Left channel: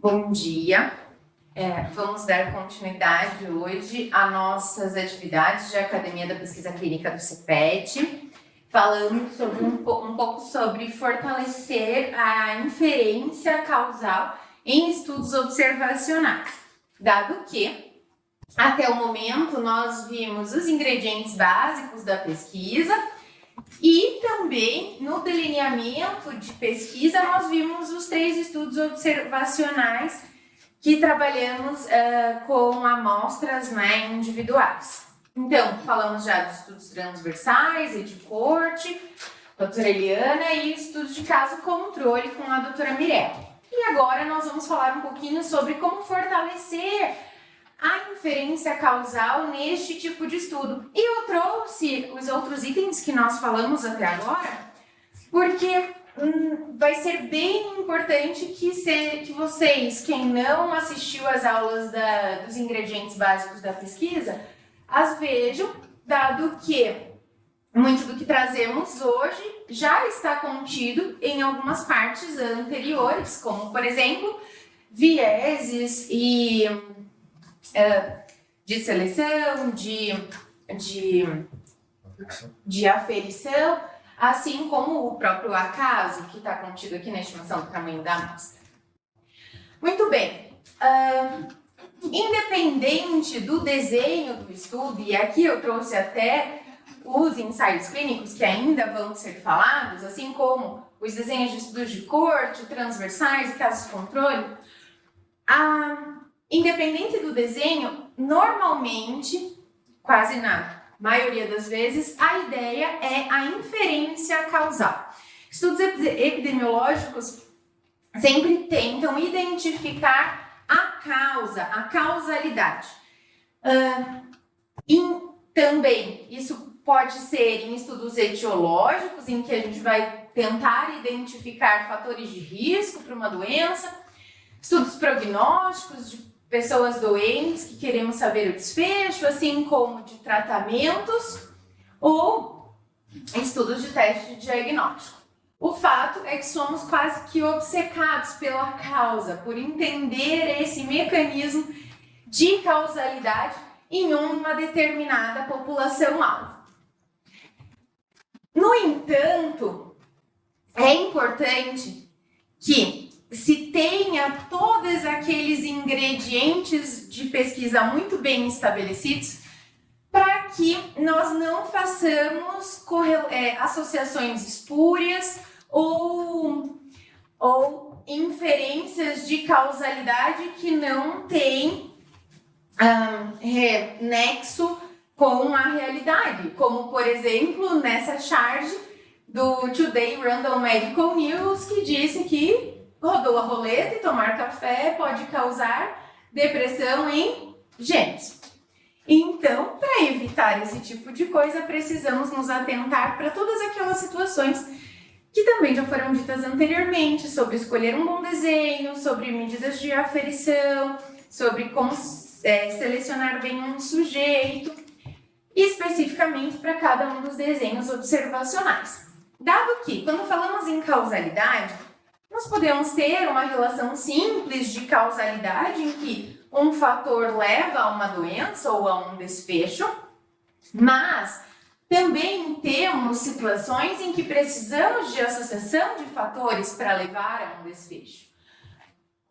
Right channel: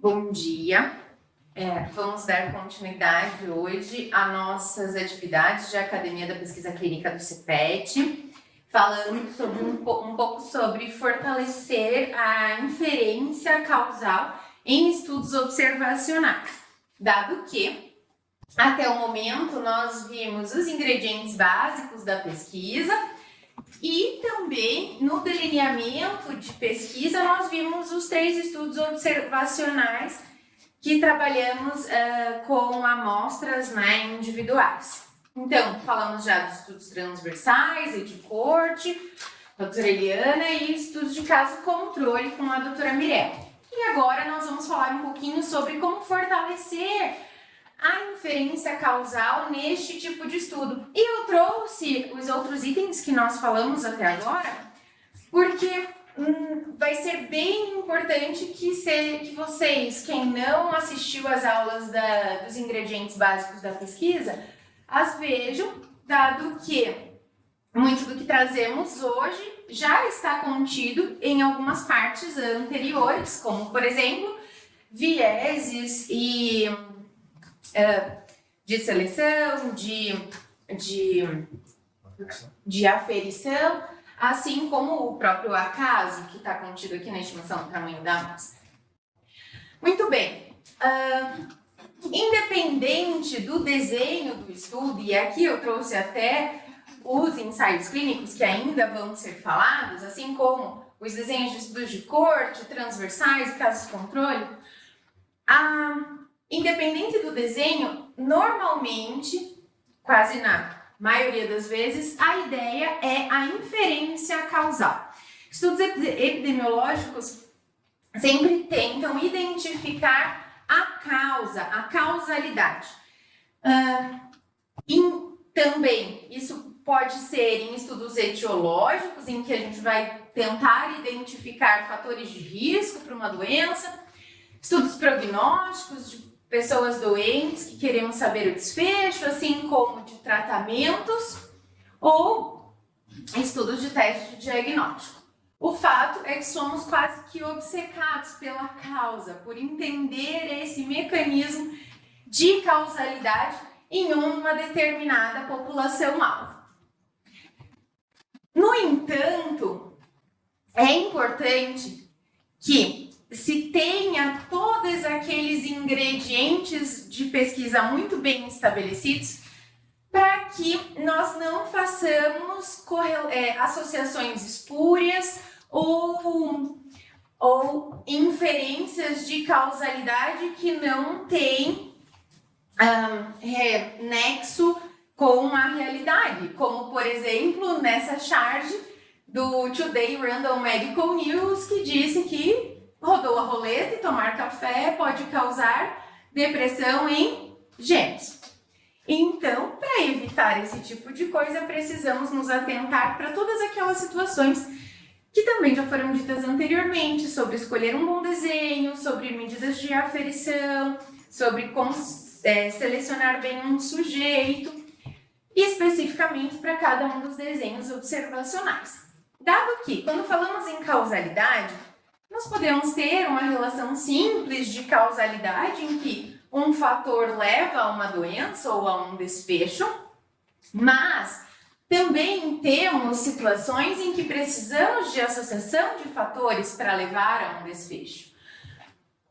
Bom dia. Vamos dar continuidade hoje às nossas atividades de Academia da Pesquisa Clínica do CEPET, falando sobre um pouco sobre fortalecer a inferência causal em estudos observacionais, dado que, até o momento, nós vimos os ingredientes básicos da pesquisa e também no delineamento de pesquisa nós vimos os 3 estudos observacionais que trabalhamos com amostras individuais. Então, falamos já dos estudos transversais, Edcorte, doutora Eliana e estudos de caso controle com a doutora Mirella. E agora nós vamos falar um pouquinho sobre como fortalecer a inferência causal neste tipo de estudo. E eu trouxe os outros itens que nós falamos até agora, porque vai ser bem importante que vocês, quem não assistiu às aulas dos ingredientes básicos da pesquisa, as vejam, dado que muito do que trazemos hoje já está contido em algumas partes anteriores, como, por exemplo, vieses e de seleção, de aferição, assim como o próprio acaso, que está contido aqui na estimação do tamanho da massa. Muito bem. Independente do desenho do estudo, e aqui eu trouxe até os ensaios clínicos que ainda vão ser falados, assim como os desenhos de estudos de corte, transversais e casos de controle, independente do desenho, normalmente, quase na maioria das vezes, a ideia é a inferência causal. Estudos epidemiológicos sempre tentam identificar a causa, a causalidade. E também, isso pode ser em estudos etiológicos, em que a gente vai tentar identificar fatores de risco para uma doença, estudos prognósticos de pessoas doentes que queremos saber o desfecho, assim como de tratamentos ou estudos de teste de diagnóstico. O fato é que somos quase que obcecados pela causa, por entender esse mecanismo de causalidade em uma determinada população-alvo. No entanto, é importante que se tenha todos aqueles ingredientes de pesquisa muito bem estabelecidos para que nós não façamos associações espúrias ou inferências de causalidade que não têm nexo com a realidade, como, por exemplo, nessa charge do Today Random Medical News, que disse que rodou a roleta e tomar café pode causar depressão em gêmeos. Então, para evitar esse tipo de coisa, precisamos nos atentar para todas aquelas situações que também já foram ditas anteriormente, sobre escolher um bom desenho, sobre medidas de aferição, sobre como selecionar bem um sujeito, especificamente para cada um dos desenhos observacionais. Dado que, quando falamos em causalidade, nós podemos ter uma relação simples de causalidade em que um fator leva a uma doença ou a um desfecho, mas também temos situações em que precisamos de associação de fatores para levar a um desfecho.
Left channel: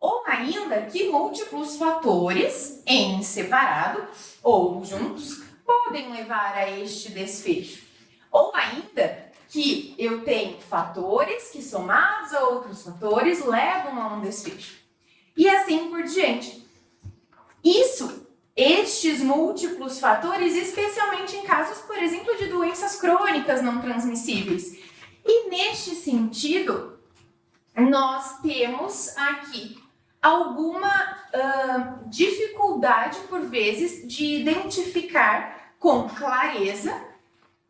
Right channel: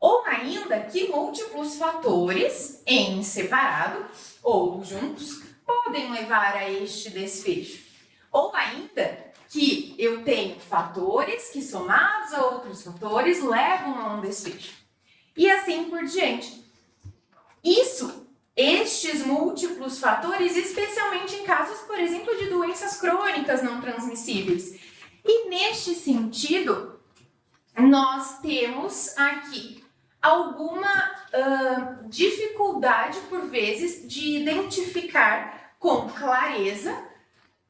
Ou ainda que múltiplos fatores, em separado ou juntos, podem levar a este desfecho. Ou ainda que eu tenho fatores que, somados a outros fatores, levam a um desfecho. E assim por diante. Estes múltiplos fatores, especialmente em casos, por exemplo, de doenças crônicas não transmissíveis. E neste sentido, nós temos aqui alguma dificuldade, por vezes, de identificar com clareza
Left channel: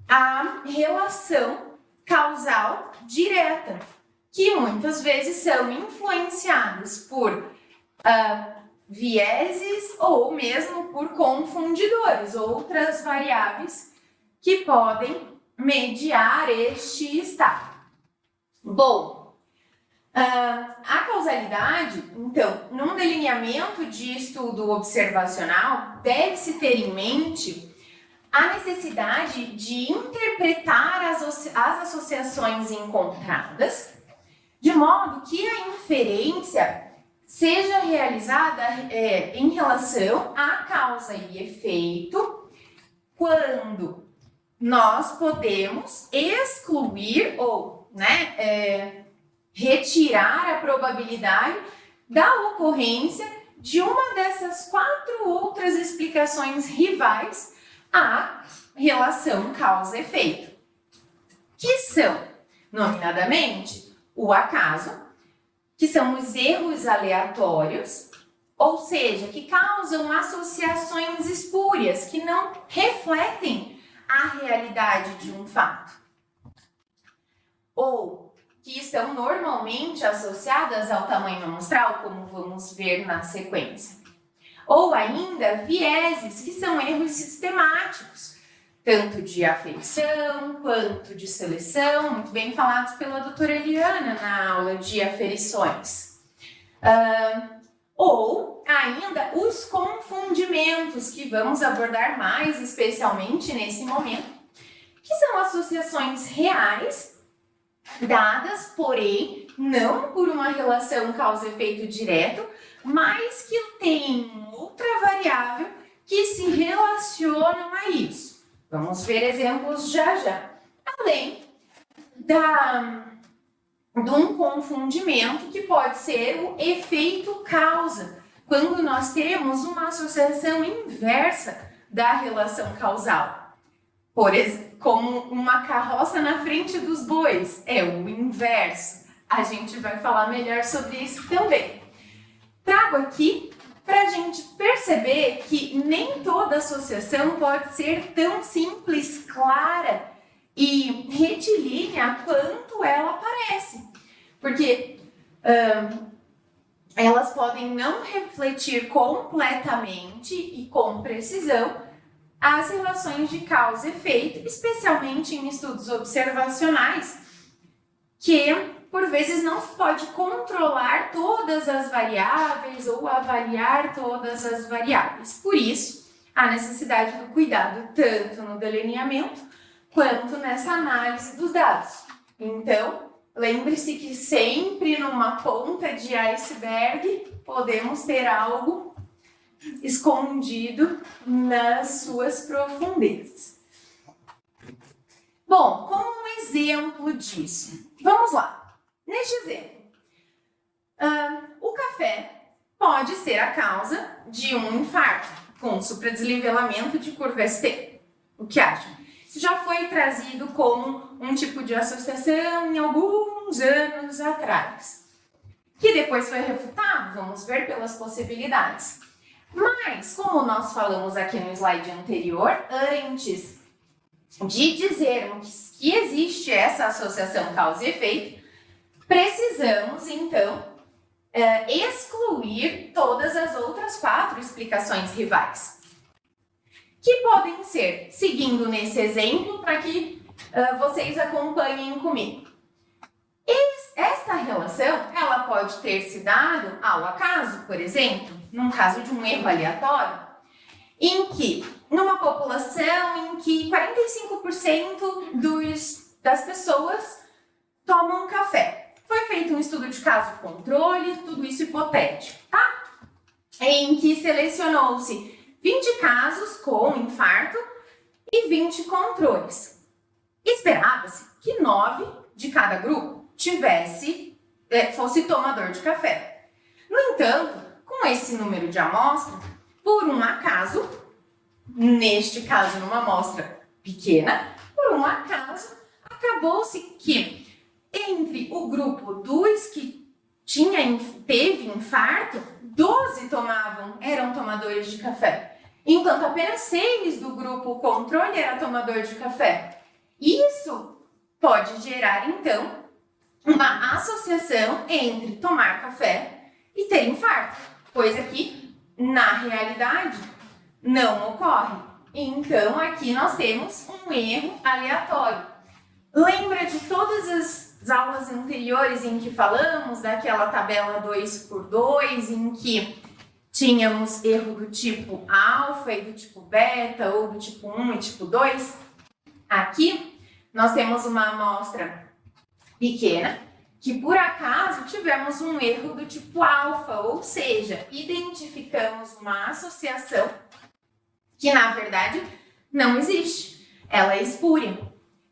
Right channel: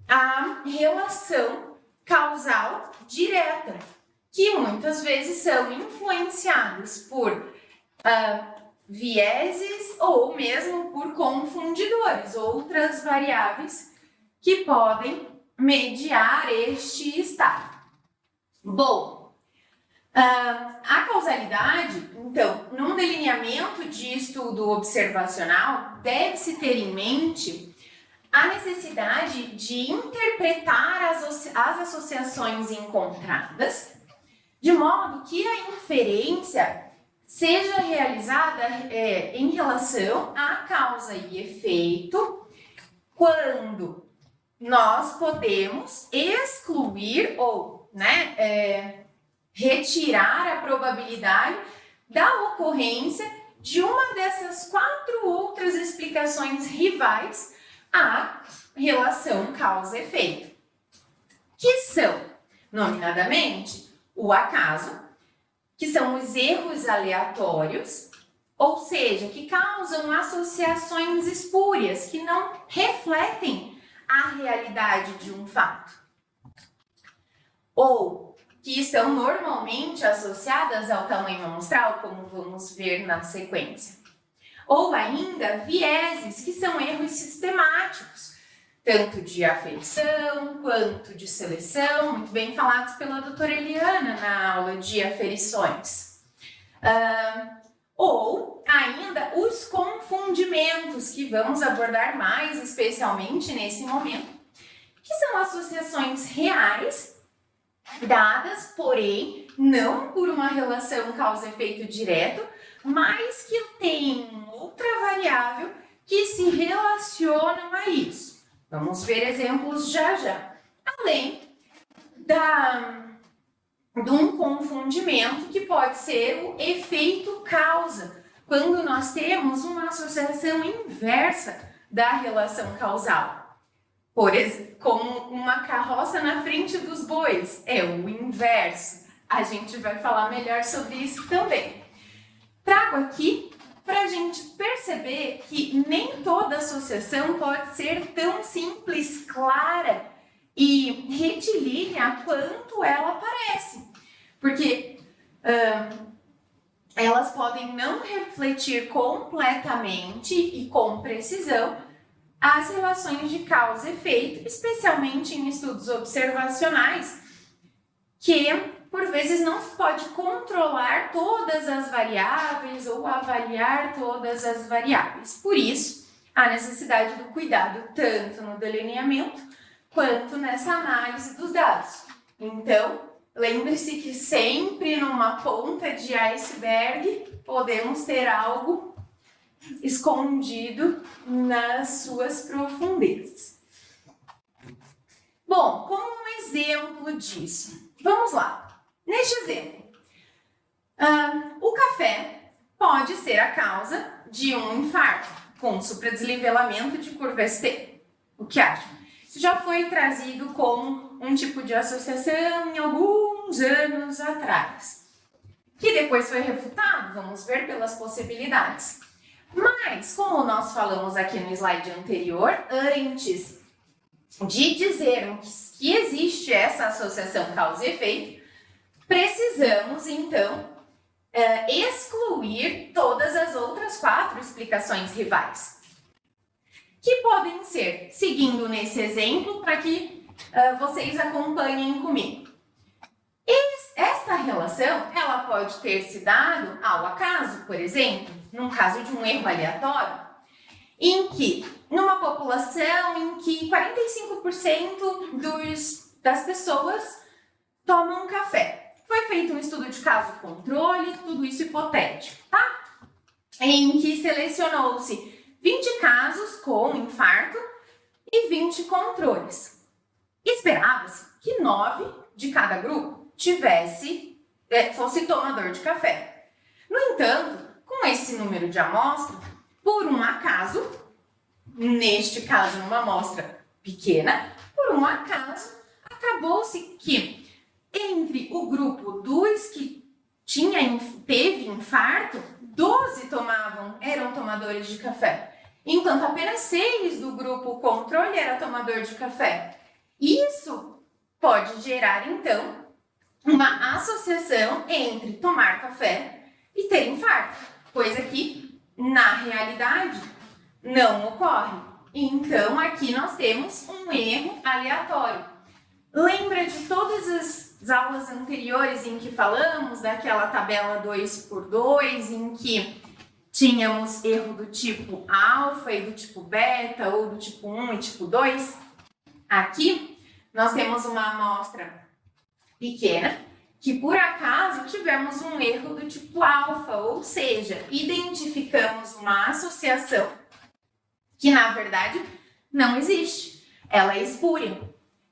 a relação causal direta, que muitas vezes são influenciadas por vieses ou mesmo por confundidores, outras variáveis que podem mediar este estado. Bom, A causalidade, então, num delineamento de estudo observacional, deve-se ter em mente a necessidade de interpretar as associações encontradas, de modo que a inferência seja realizada em relação à causa e efeito, quando nós podemos excluir ou retirar a probabilidade da ocorrência de uma dessas 4 outras explicações rivais à relação causa-efeito, que são, nomeadamente, o acaso, que são os erros aleatórios, ou seja, que causam associações espúrias, que não refletem a realidade de um fato, ou que estão normalmente associadas ao tamanho amostral, como vamos ver na sequência. Ou ainda vieses, que são erros sistemáticos, tanto de aferição quanto de seleção, muito bem falados pela doutora Eliana na aula de aferições. Ou ainda os confundimentos, que vamos abordar mais especialmente nesse momento, que são associações reais, dadas, porém, não por uma relação causa-efeito direto, mas que tem outra variável que se relacionam a isso. Vamos ver exemplos já. Além de um confundimento que pode ser o efeito causa, quando nós temos uma associação inversa da relação causal. Por exemplo, como uma carroça na frente dos bois, é o inverso. A gente vai falar melhor sobre isso também. Trago aqui para a gente perceber que nem toda associação pode ser tão simples, clara e retilínea quanto ela parece. Porque elas podem não refletir completamente e com precisão as relações de causa e efeito, especialmente em estudos observacionais, que por vezes não se pode controlar todas as variáveis ou avaliar todas as variáveis. Por isso, a necessidade do cuidado tanto no delineamento quanto nessa análise dos dados. Então, lembre-se que sempre numa ponta de iceberg podemos ter algo escondido nas suas profundezas. Bom, como um exemplo disso, vamos lá. Neste exemplo, o café pode ser a causa de um infarto com supradesnivelamento de curva ST. O que acham? Isso já foi trazido como um tipo de associação em alguns anos atrás, que depois foi refutado, vamos ver pelas possibilidades. Mas, como nós falamos aqui no slide anterior, antes de dizermos que existe essa associação causa e efeito, precisamos, então, excluir todas as outras 4 explicações rivais, que podem ser, seguindo nesse exemplo, para que vocês acompanhem comigo. Esta relação, ela pode ter se dado ao acaso, por exemplo, num caso de um erro aleatório, em que, numa população em que 45% das pessoas tomam café. Foi feito um estudo de caso controle, tudo isso hipotético, tá? Em que selecionou-se 20 casos com infarto e 20 controles. Esperava-se que 9 de cada grupo fosse tomador de café. No entanto, com esse número de amostra, por um acaso, neste caso numa amostra pequena, por um acaso, acabou-se que entre o grupo dos que teve infarto, 12 eram tomadores de café, enquanto apenas 6 do grupo controle era tomador de café. Isso pode gerar, então, uma associação entre tomar café e ter infarto, coisa que, na realidade, não ocorre. Então, aqui nós temos um erro aleatório. Lembra de todas as aulas anteriores em que falamos daquela tabela 2x2, em que tínhamos erro do tipo alfa e do tipo beta, ou do tipo 1 e tipo 2, aqui nós temos uma amostra pequena, que por acaso tivemos um erro do tipo alfa, ou seja, identificamos uma associação que na verdade não existe, ela é espúria.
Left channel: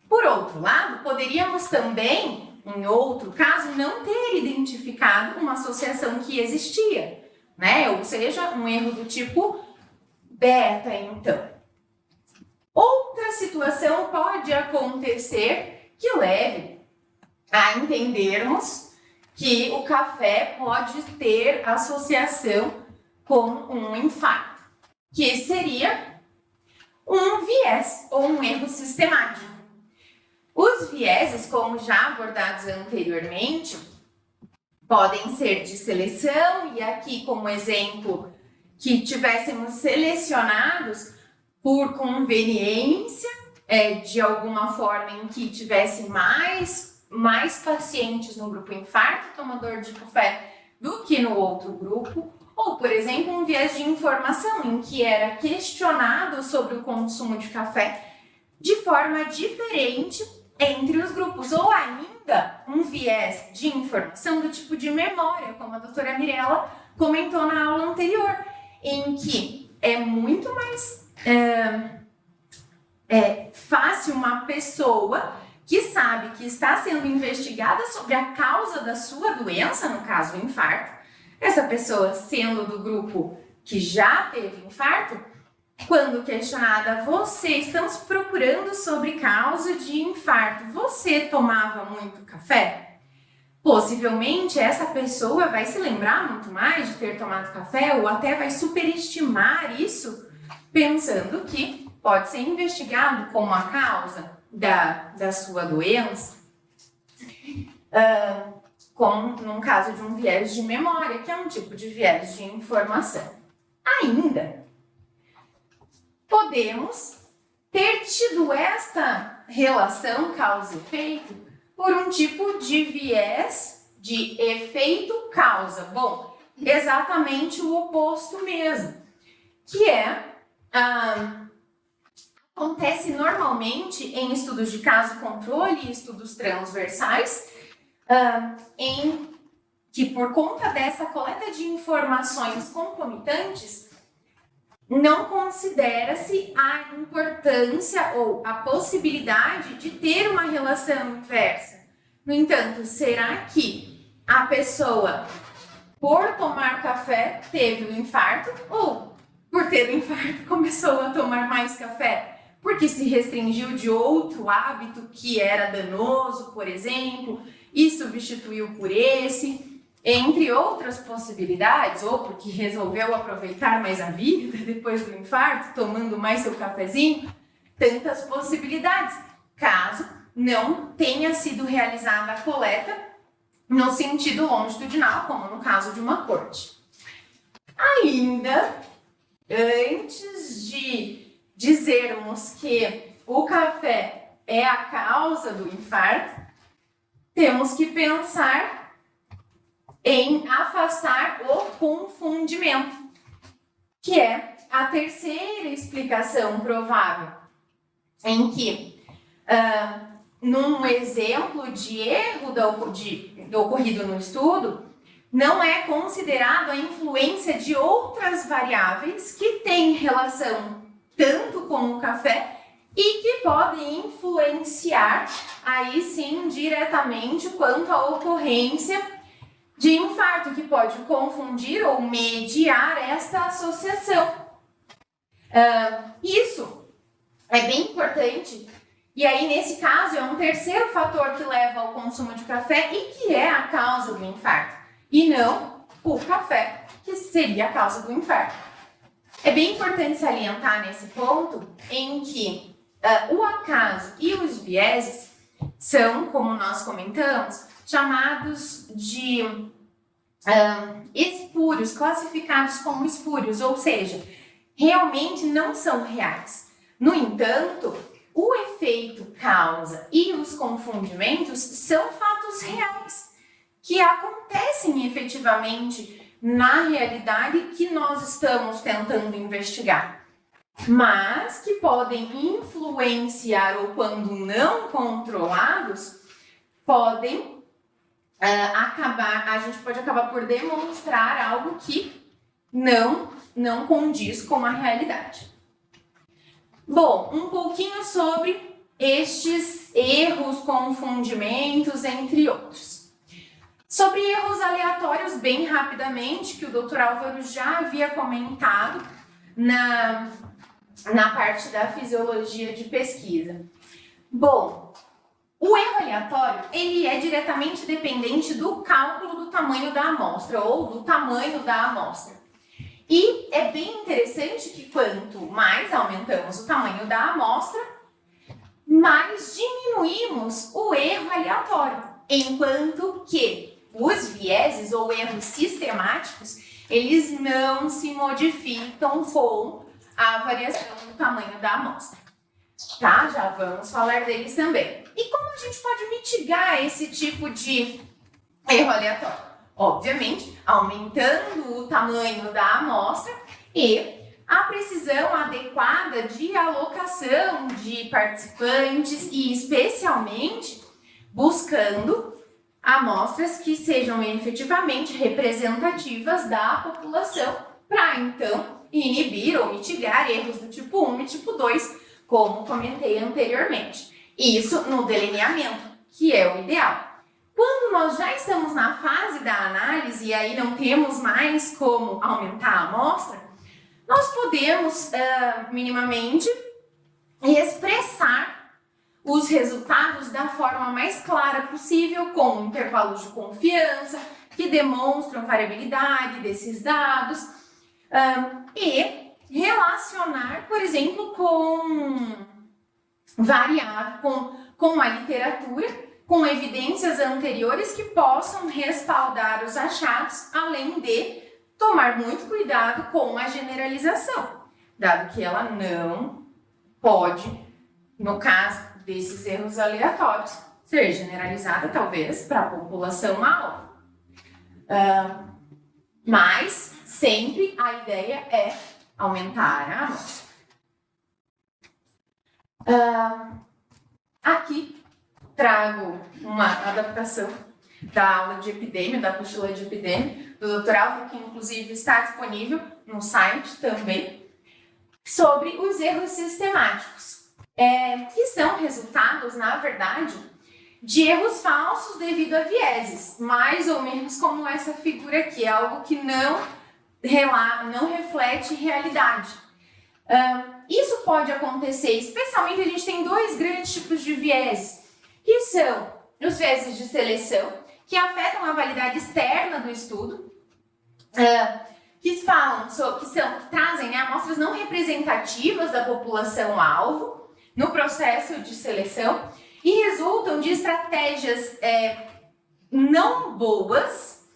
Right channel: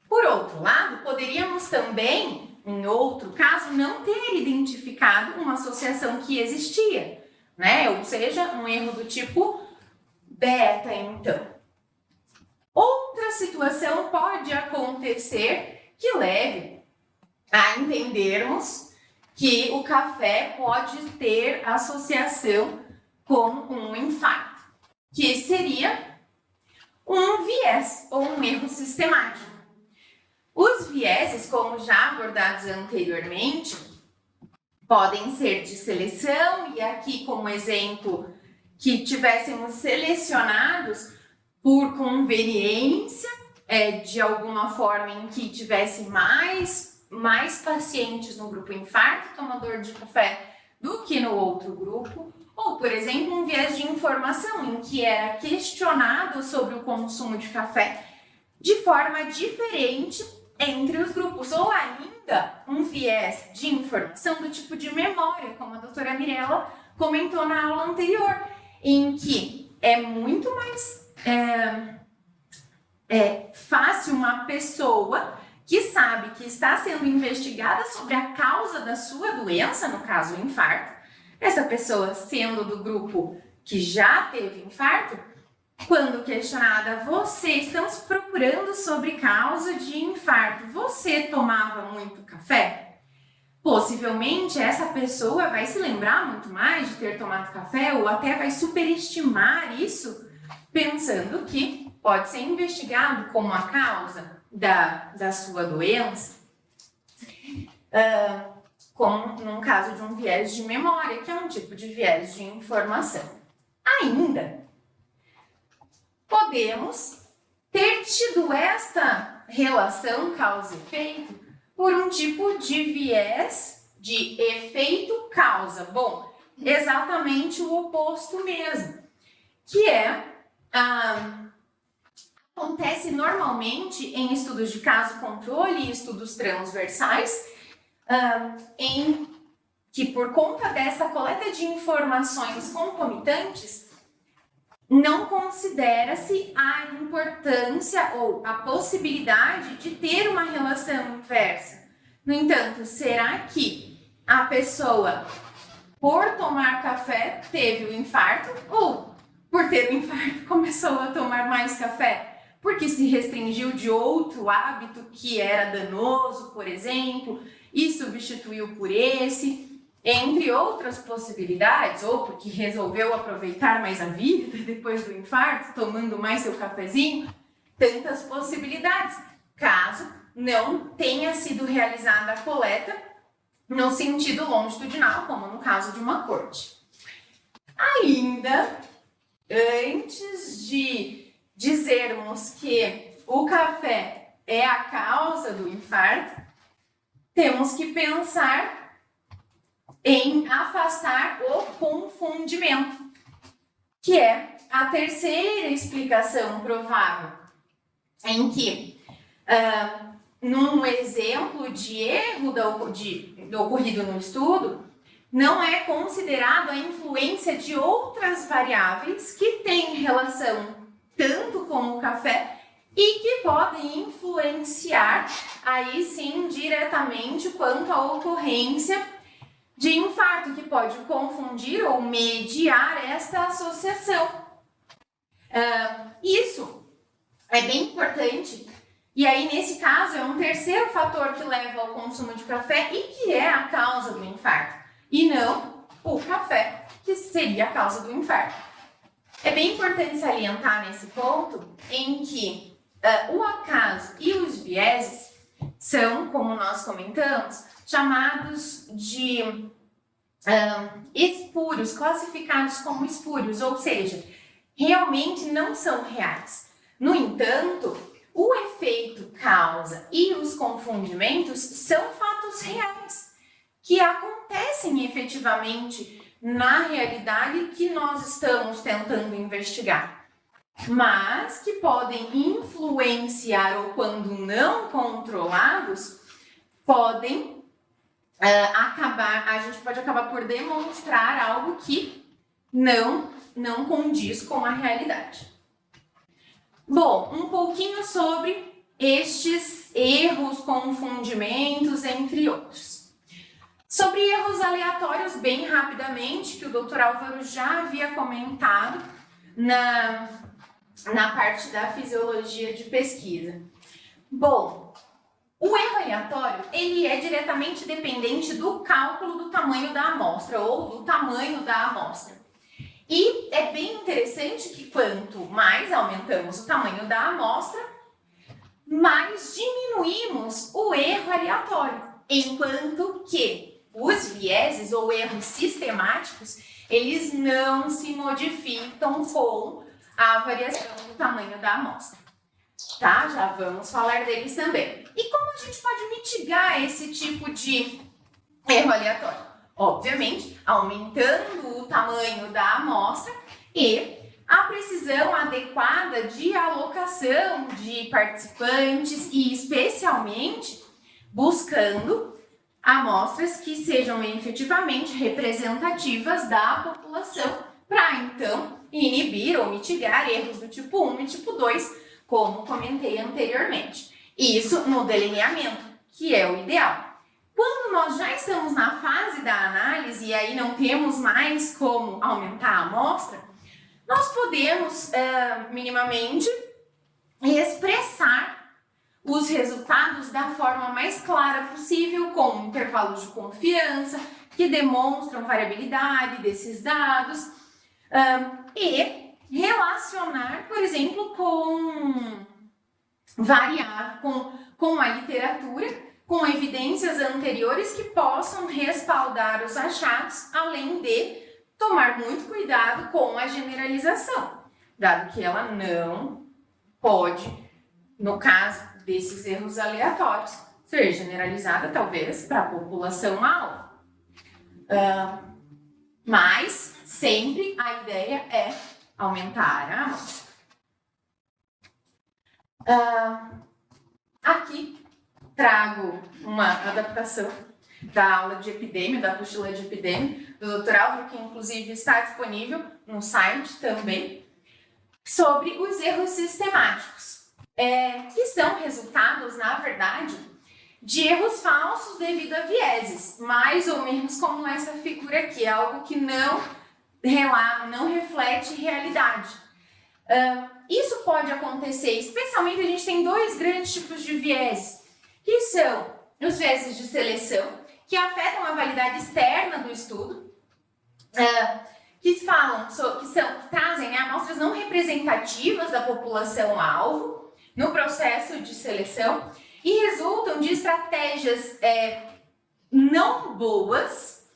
Por outro lado, poderíamos também, em outro caso, não ter identificado uma associação que existia, né? Ou seja, um erro do tipo beta, então. Outra situação pode acontecer que leve a entendermos que o café pode ter associação com um infarto, que seria um viés ou um erro sistemático. Os vieses, como já abordados anteriormente, podem ser de seleção, e aqui como exemplo que tivéssemos selecionados por conveniência, de alguma forma em que tivesse mais pacientes no grupo infarto tomador de café do que no outro grupo, ou, por exemplo, um viés de informação em que era questionado sobre o consumo de café de forma diferente entre os grupos, ou ainda um viés de informação do tipo de memória, como a doutora Mirella comentou na aula anterior, em que é muito mais fácil uma pessoa que sabe que está sendo investigada sobre a causa da sua doença, no caso o infarto, essa pessoa sendo do grupo que já teve infarto, quando questionada, você, estamos procurando sobre causa de infarto, você tomava muito café? Possivelmente essa pessoa vai se lembrar muito mais de ter tomado café, ou até vai superestimar isso, pensando que pode ser investigado como a causa da sua doença, como num caso de um viés de memória, que é um tipo de viés de informação. Ainda podemos ter tido esta relação causa e efeito por um tipo de viés de efeito-causa. Bom, exatamente o oposto mesmo, que acontece normalmente em estudos de caso-controle e estudos transversais, em que por conta dessa coleta de informações concomitantes, não considera-se a importância ou a possibilidade de ter uma relação inversa. No entanto, será que a pessoa, por tomar café, teve o infarto, ou por ter o infarto começou a tomar mais café porque se restringiu de outro hábito que era danoso, por exemplo, e substituiu por esse? Entre outras possibilidades, ou porque resolveu aproveitar mais a vida depois do infarto, tomando mais seu cafezinho, tantas possibilidades, caso não tenha sido realizada a coleta no sentido longitudinal, como no caso de uma corte. Ainda, antes de dizermos que o café é a causa do infarto, temos que pensar em afastar o confundimento, que é a terceira explicação provável, em que, num exemplo de erro do ocorrido no estudo, não é considerado a influência de outras variáveis que têm relação tanto com o café e que podem influenciar, aí sim, diretamente quanto à ocorrência de infarto, que pode confundir ou mediar esta associação. Isso é bem importante, e aí nesse caso é um terceiro fator que leva ao consumo de café e que é a causa do infarto, e não o café, que seria a causa do infarto. É bem importante salientar nesse ponto em que o acaso e os vieses são, como nós comentamos, chamados de espúrios, classificados como espúrios, ou seja, realmente não são reais. No entanto, o efeito causa e os confundimentos são fatos reais que acontecem efetivamente na realidade que nós estamos tentando investigar, mas que podem influenciar ou, quando não controlados, podem a gente pode acabar por demonstrar algo que não condiz com a realidade. Bom, um pouquinho sobre estes erros, confundimentos, entre outros. Sobre erros aleatórios, bem rapidamente, que o Dr. Álvaro já havia comentado na parte da fisiologia de pesquisa. Bom, o erro aleatório, ele é diretamente dependente do cálculo do tamanho da amostra ou do tamanho da amostra. E é bem interessante que quanto mais aumentamos o tamanho da amostra, mais diminuímos o erro aleatório, enquanto que os vieses ou erros sistemáticos, eles não se modificam com a variação do tamanho da amostra. Tá? Já vamos falar deles também. E como a gente pode mitigar esse tipo de erro aleatório? Obviamente, aumentando o tamanho da amostra e a precisão adequada de alocação de participantes e, especialmente, buscando amostras que sejam efetivamente representativas da população para, então, inibir ou mitigar erros do tipo 1 e tipo 2, como comentei anteriormente. Isso no delineamento, que é o ideal. Quando nós já estamos na fase da análise e aí não temos mais como aumentar a amostra, nós podemos minimamente expressar os resultados da forma mais clara possível, com intervalos de confiança que demonstram variabilidade desses dados e relacionar, por exemplo, com a literatura, com evidências anteriores que possam respaldar os achados, além de tomar muito cuidado com a generalização, dado que ela não pode, no caso desses erros aleatórios, ser generalizada talvez para a população-alvo. Mas sempre a ideia é aumentar a amostra. Aqui trago uma adaptação da aula de epidemia, da apostila de epidemia, do Dr. Álvaro, que inclusive está disponível no site também, sobre os erros sistemáticos, que são resultados, na verdade, de erros falsos devido a vieses, mais ou menos como essa figura aqui, é algo que não reflete realidade. Isso pode acontecer, especialmente a gente tem dois grandes tipos de vieses, que são os vieses de seleção, que afetam a validade externa do estudo, que trazem amostras não representativas da população-alvo no processo de seleção e resultam de estratégias não boas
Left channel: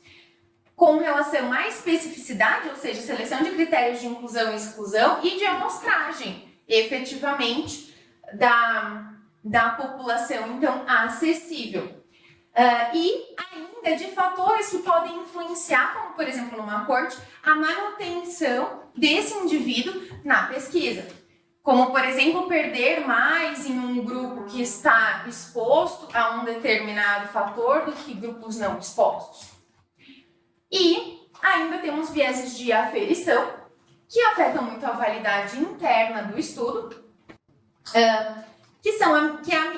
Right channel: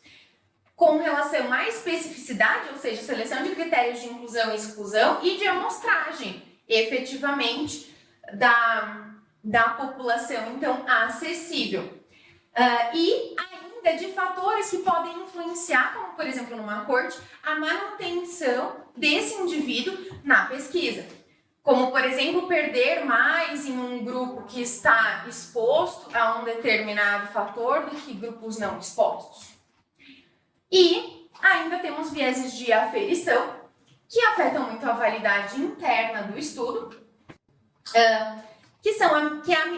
com relação à especificidade, ou seja, seleção de critérios de inclusão e exclusão e de amostragem, efetivamente, da população, então, acessível. E ainda de fatores que podem influenciar, como, por exemplo, numa corte, a manutenção desse indivíduo na pesquisa. Como, por exemplo, perder mais em um grupo que está exposto a um determinado fator do que grupos não expostos. E ainda temos vieses de aferição, que afetam muito a validade interna do estudo, que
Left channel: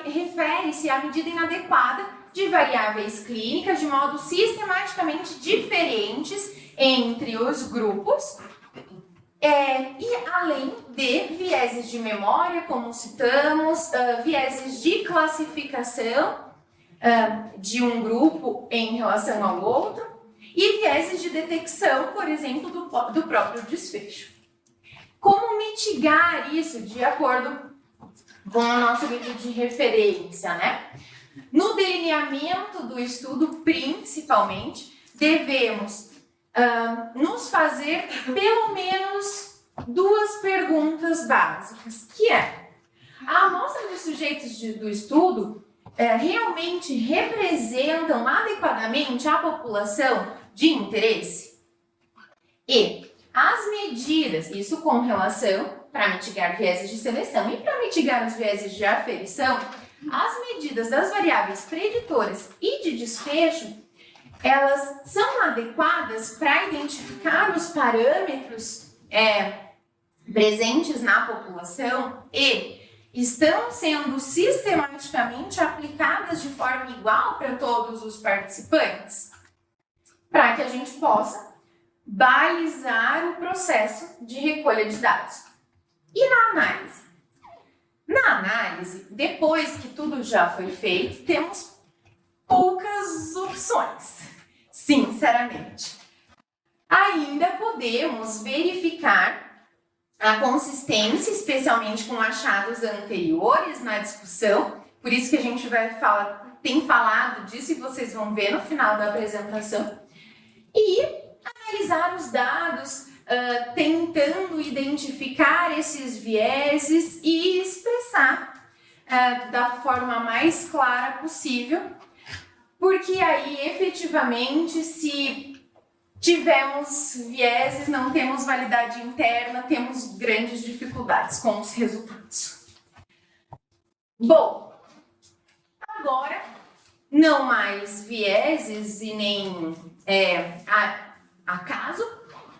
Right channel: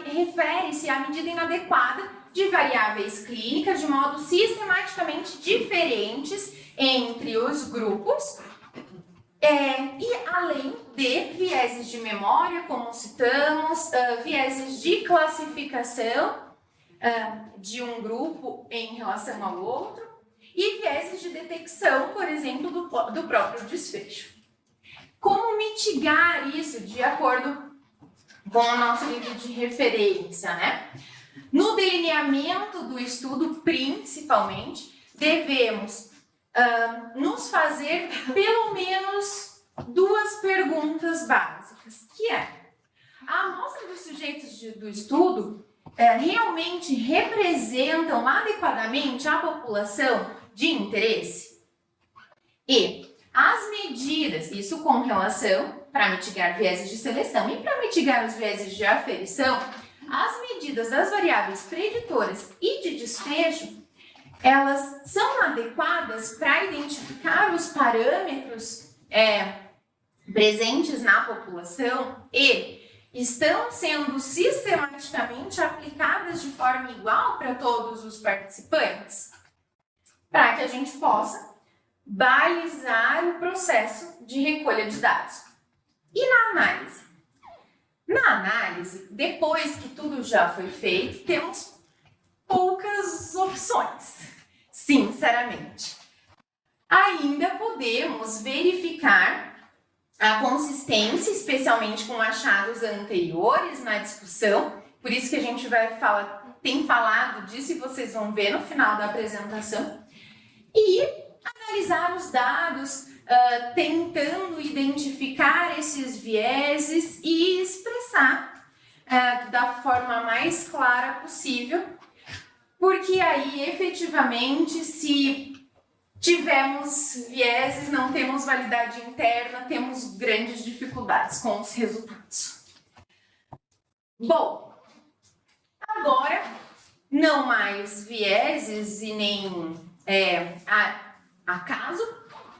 refere-se à medida inadequada de variáveis clínicas de modo sistematicamente diferentes entre os grupos, e além de vieses de memória, como citamos, vieses de classificação de um grupo em relação ao outro, e vieses de detecção, por exemplo, do próprio desfecho. Como mitigar isso de acordo com o nosso livro de referência, né? No delineamento do estudo, principalmente, devemos nos fazer pelo menos duas perguntas básicas, que é: A amostra dos sujeitos do estudo realmente representam adequadamente a população de interesse? E as medidas, isso com relação para mitigar vieses de seleção e para mitigar os vieses de aferição, as medidas das variáveis preditoras e de desfecho, elas são adequadas para identificar os parâmetros presentes na população e estão sendo sistematicamente aplicadas de forma igual para todos os participantes, para que a gente possa balizar o processo de recolha de dados. E na análise? Na análise, depois que tudo já foi feito, temos poucas opções, sinceramente. Ainda podemos verificar a consistência, especialmente com achados anteriores na discussão, por isso que a gente tem falado disso e vocês vão ver no final da apresentação, e analisar os dados, tentando identificar esses vieses e expressar da forma mais clara possível, porque aí efetivamente, se tivemos vieses, não temos validade interna, temos grandes dificuldades com os resultados. Bom, agora não mais vieses e nem acaso,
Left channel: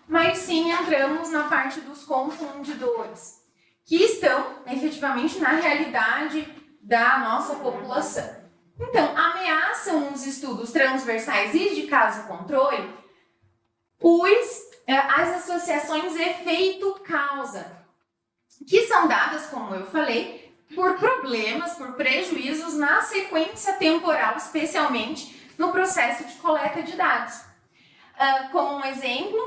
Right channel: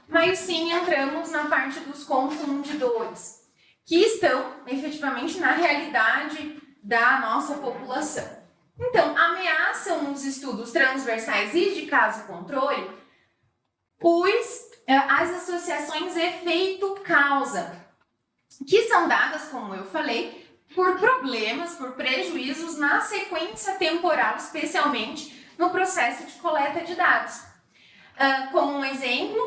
mas sim entramos na parte dos confundidores, que estão efetivamente na realidade da nossa população. Então, ameaçam os estudos transversais e de caso-controle as associações efeito-causa, que são dadas, como eu falei, por problemas, por prejuízos na sequência temporal, especialmente no processo de coleta de dados. Como um exemplo,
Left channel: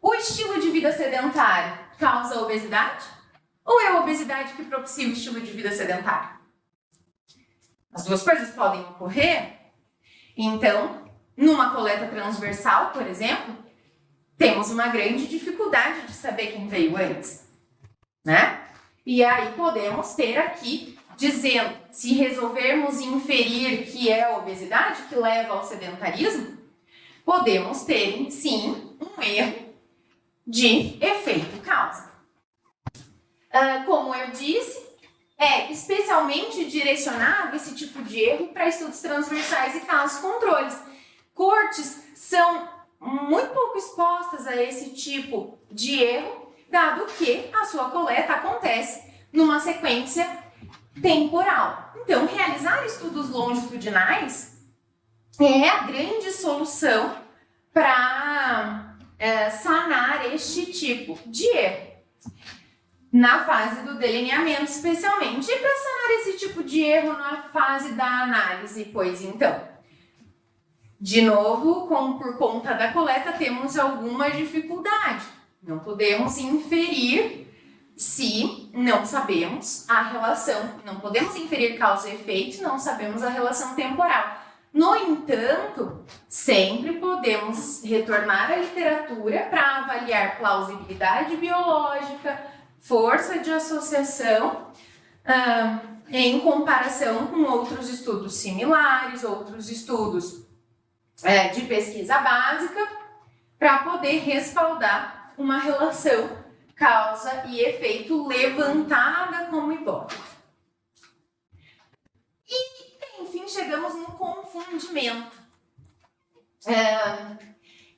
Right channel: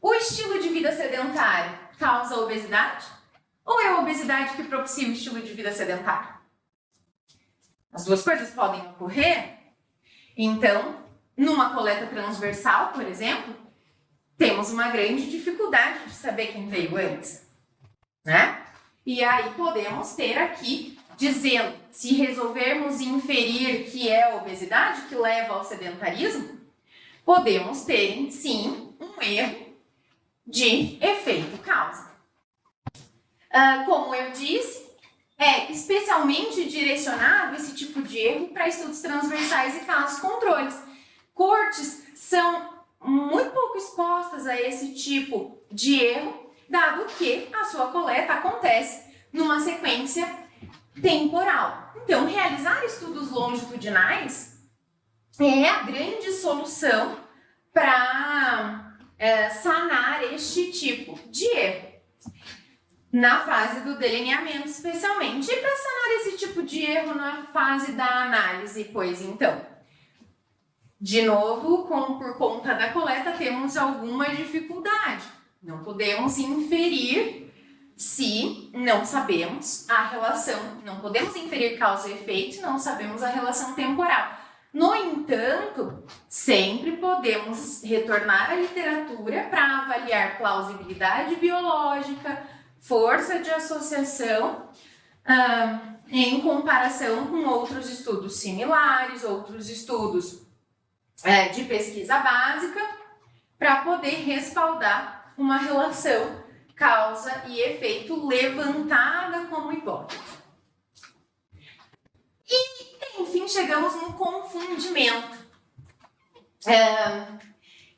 o estilo de vida sedentário causa obesidade? Ou é a obesidade que propicia o estilo de vida sedentário? As duas coisas podem ocorrer. Então, numa coleta transversal, por exemplo, temos uma grande dificuldade de saber quem veio antes, né? E aí podemos ter aqui, dizendo, se resolvermos inferir que é a obesidade que leva ao sedentarismo, podemos ter, sim, um erro de efeito-causa. Como eu disse, é especialmente direcionado esse tipo de erro para estudos transversais e casos-controles. Cortes são muito pouco expostas a esse tipo de erro, dado que a sua coleta acontece numa sequência temporal. Então, realizar estudos longitudinais é a grande solução para sanar este tipo de erro, na fase do delineamento especialmente. E para sanar esse tipo de erro na fase da análise, pois então, de novo, por conta da coleta, temos alguma dificuldade. Não podemos inferir se não sabemos a relação, não podemos inferir causa e efeito, não sabemos a relação temporal. No entanto, sempre podemos retornar à literatura para avaliar plausibilidade biológica, força de associação, em comparação com outros estudos similares, outros estudos de pesquisa básica, para poder respaldar uma relação causa e efeito levantada como hipótese. E, enfim, chegamos no confundimento,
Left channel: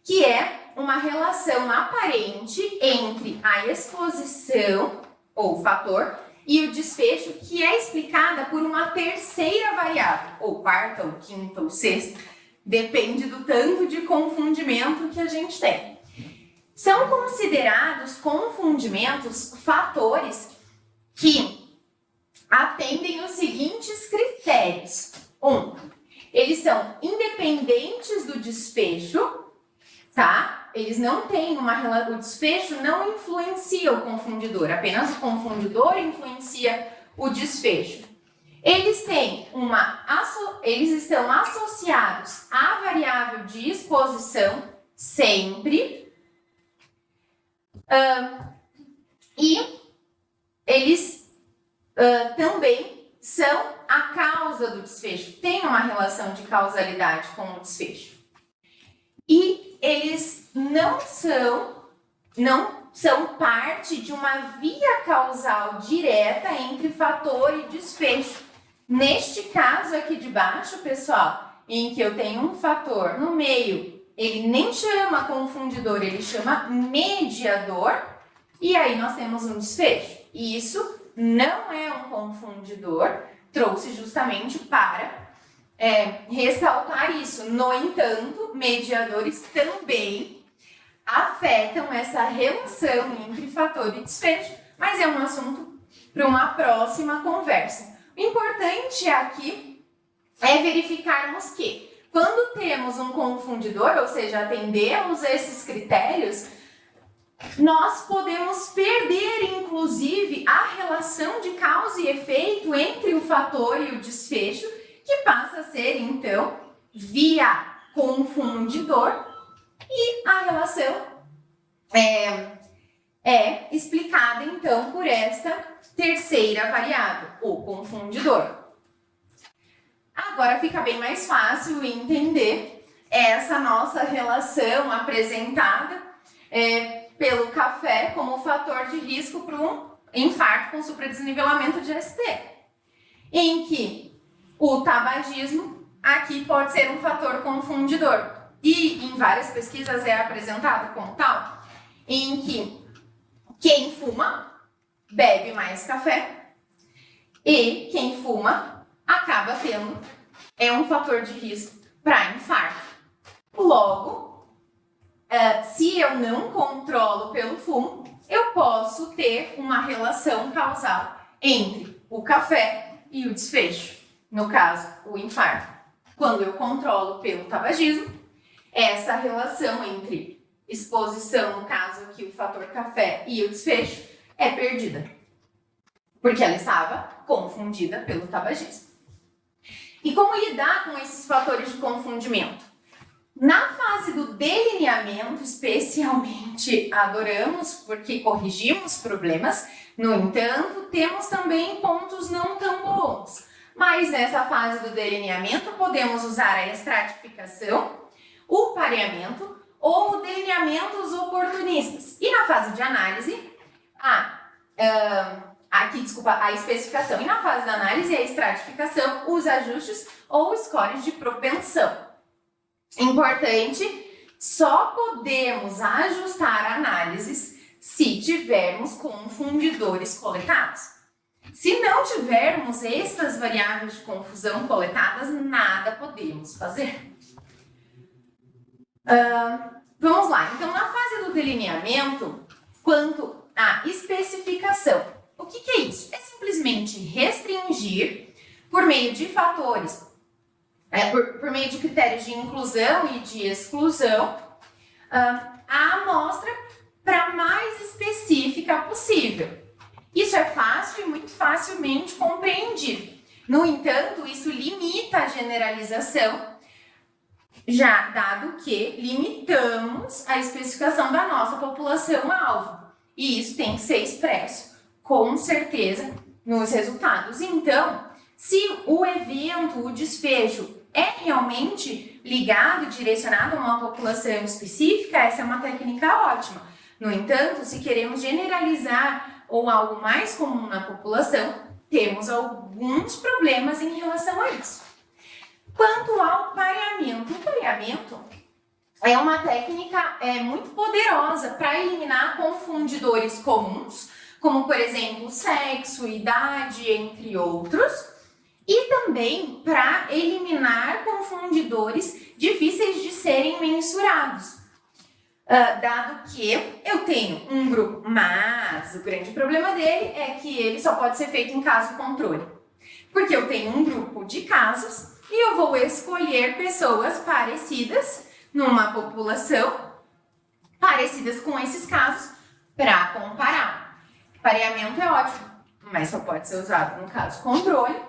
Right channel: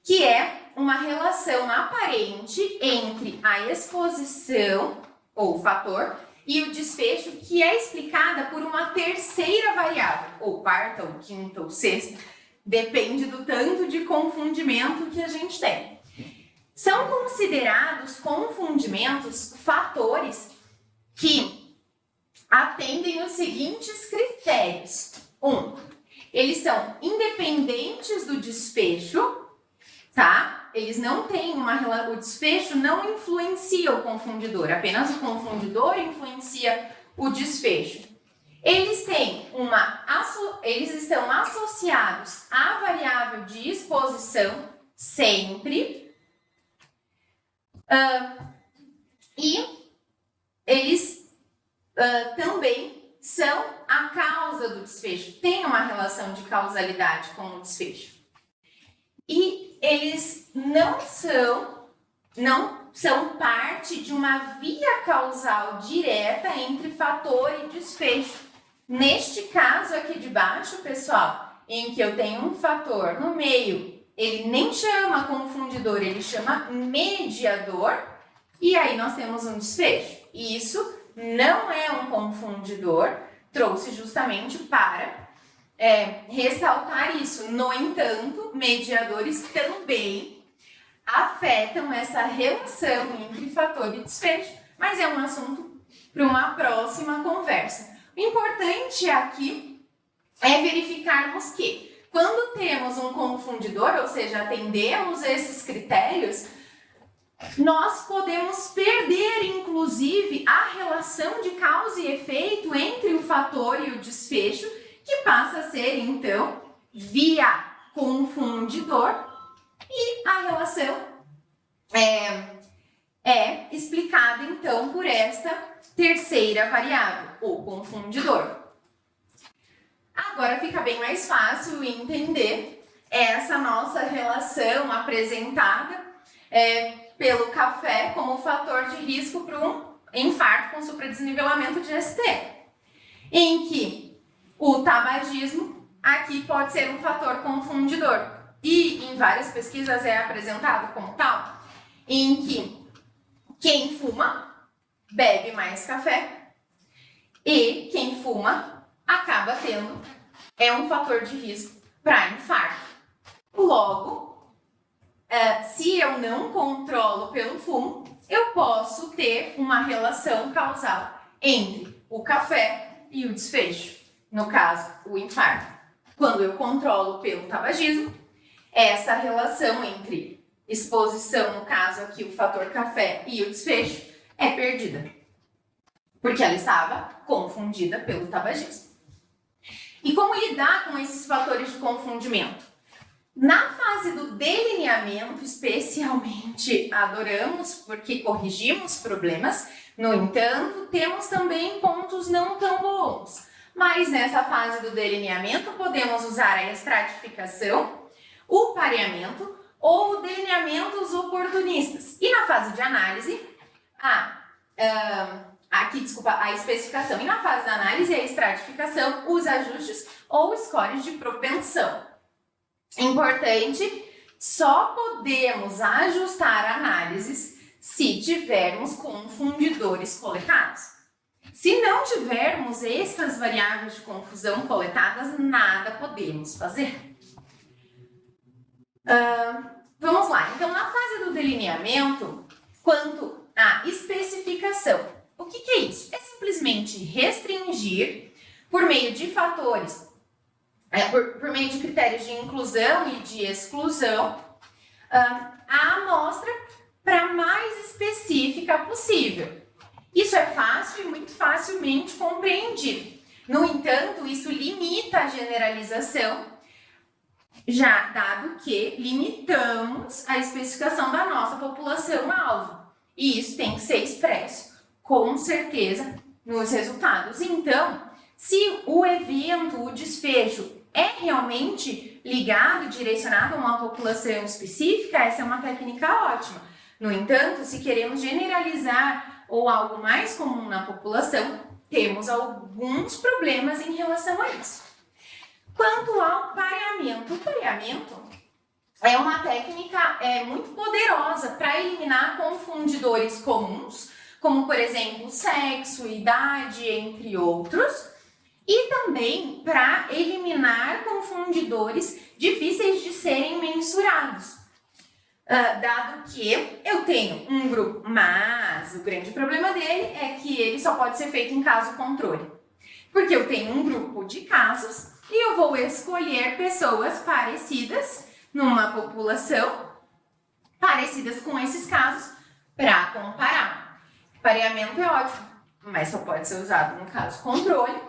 que é uma relação aparente entre a exposição, ou fator, e o desfecho, que é explicada por uma terceira variável, ou quarta, ou quinta, ou sexta, depende do tanto de confundimento que a gente tem. São considerados confundimentos fatores que atendem os seguintes critérios. 1. Eles são independentes do desfecho, tá? Eles não têm o desfecho não influencia o confundidor, apenas o confundidor influencia o desfecho. Eles estão associados à variável de exposição sempre, e eles também são a causa do desfecho. Tem uma relação de causalidade com o desfecho. E eles não são parte de uma via causal direta entre fator e desfecho. Neste caso aqui de baixo, pessoal, em que eu tenho um fator no meio, ele nem chama confundidor, ele chama mediador, e aí nós temos um desfecho. E isso não é um confundidor, trouxe justamente para ressaltar isso. No entanto, mediadores também afetam essa relação entre fator e desfecho, mas é um assunto para uma próxima conversa. O importante aqui é verificarmos que, quando temos um confundidor, ou seja, atendemos esses critérios, nós podemos perder, inclusive, a relação de causa e efeito entre o fator e o desfecho, que passa a ser, então, via confundidor, e a relação é explicada, então, por esta terceira variável, o confundidor. Agora fica bem mais fácil entender essa nossa relação apresentada pelo café como fator de risco para um infarto com supradesnivelamento de ST, em que o tabagismo aqui pode ser um fator confundidor e em várias pesquisas é apresentado como tal, em que quem fuma bebe mais café e quem fuma acaba tendo um fator de risco para infarto. Logo, se eu não controlo pelo fumo, eu posso ter uma relação causal entre o café e o desfecho, no caso, o infarto. Quando eu controlo pelo tabagismo, essa relação entre exposição, no caso aqui o fator café, e o desfecho é perdida, porque ela estava confundida pelo tabagismo. E como lidar com esses fatores de confundimento? Na fase do delineamento, especialmente, adoramos porque corrigimos problemas. No entanto, temos também pontos não tão bons. Mas nessa fase do delineamento, podemos usar a estratificação, o pareamento ou delineamentos oportunistas. E na fase de análise, a especificação. E na fase da análise, a estratificação, os ajustes ou scores de propensão. Importante, só podemos ajustar análises se tivermos confundidores coletados. Se não tivermos estas variáveis de confusão coletadas, nada podemos fazer. Vamos lá, então na fase do delineamento, quanto à especificação, o que é isso? É simplesmente restringir por meio de fatores, por meio de critérios de inclusão e de exclusão, a amostra para mais específica possível. Isso é fácil e muito facilmente compreendido. No entanto, isso limita a generalização, já dado que limitamos a especificação da nossa população-alvo. E isso tem que ser expresso, com certeza, nos resultados. Então, se o evento, o desfecho, é realmente ligado, direcionado a uma população específica, essa é uma técnica ótima. No entanto, se queremos generalizar ou algo mais comum na população, temos alguns problemas em relação a isso. Quanto ao pareamento, o pareamento é uma técnica muito poderosa para eliminar confundidores comuns, como, por exemplo, sexo, idade, entre outros, e também para eliminar confundidores difíceis de serem mensurados. Dado que eu tenho um grupo, mas o grande problema dele é que ele só pode ser feito em caso controle. Porque eu tenho um grupo de casos e eu vou escolher pessoas parecidas numa população, parecidas com esses casos, para comparar. Pareamento é ótimo, mas só pode ser usado no caso controle.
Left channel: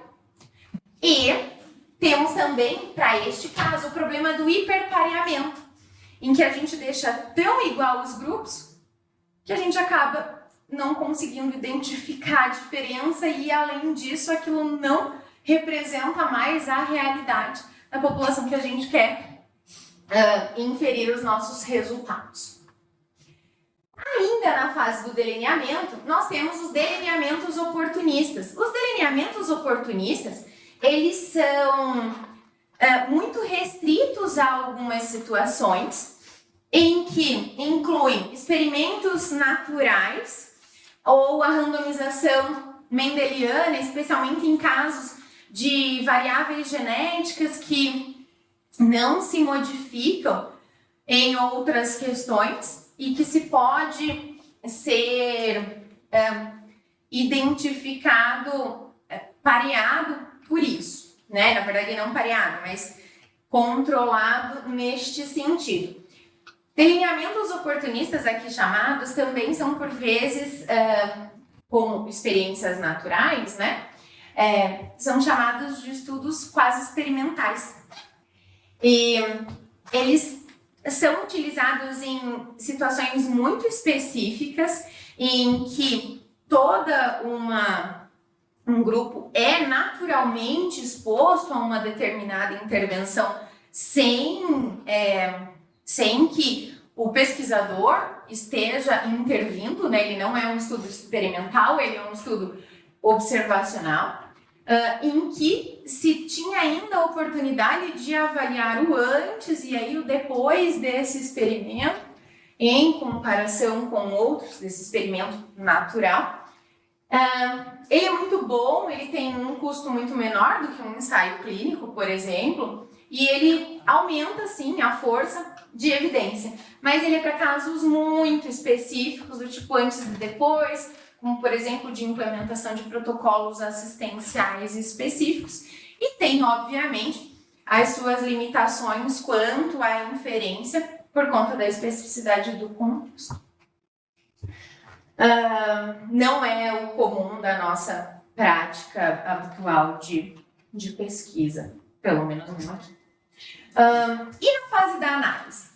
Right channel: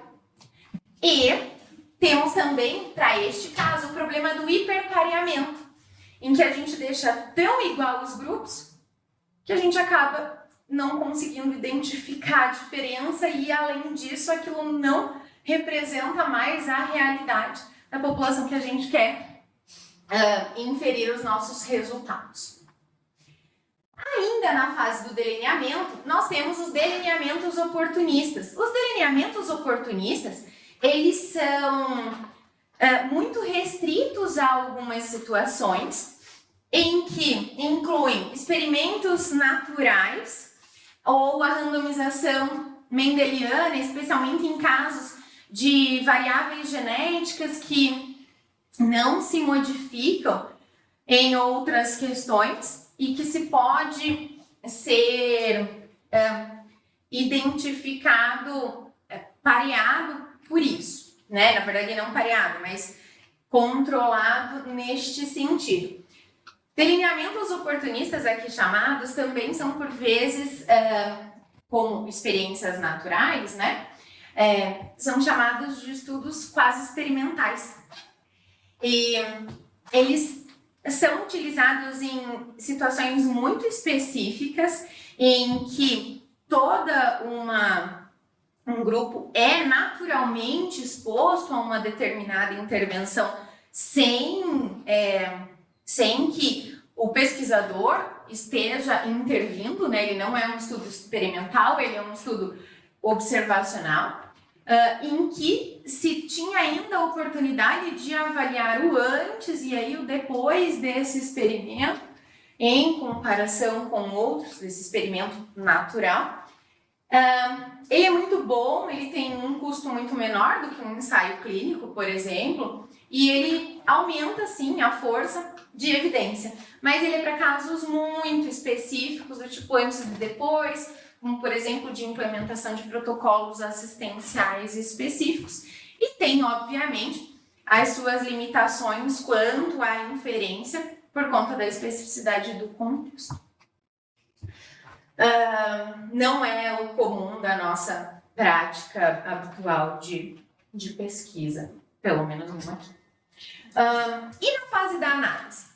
E temos também, para este caso, o problema do hiperpareamento, em que a gente deixa tão igual os grupos que a gente acaba não conseguindo identificar a diferença e, além disso, aquilo não representa mais a realidade da população que a gente quer inferir os nossos resultados. Ainda na fase do delineamento, nós temos os delineamentos oportunistas. Os delineamentos oportunistas, eles são muito restritos a algumas situações em que incluem experimentos naturais ou a randomização mendeliana, especialmente em casos de variáveis genéticas que não se modificam em outras questões e que se pode ser identificado, pareado por isso, né? Na verdade, não pareado, mas controlado neste sentido. Delineamentos oportunistas, aqui chamados, também são, por vezes, como experiências naturais, né? São chamados de estudos quase experimentais. E eles são utilizados em situações muito específicas em que um grupo é naturalmente exposto a uma determinada intervenção sem que o pesquisador esteja intervindo, né? Ele não é um estudo experimental, ele é um estudo observacional, em que se tinha ainda a oportunidade de avaliar o antes e aí o depois desse experimento, em comparação com outros desse experimento natural. Ele é muito bom, ele tem um custo muito menor do que um ensaio clínico, por exemplo, e ele aumenta, sim, a força de evidência, mas ele é para casos muito específicos, do tipo antes e depois, como, por exemplo, de implementação de protocolos assistenciais específicos, e tem, obviamente, as suas limitações quanto à inferência por conta da especificidade do contexto. Não é o comum da nossa prática habitual de pesquisa, pelo menos não aqui. E na fase da análise?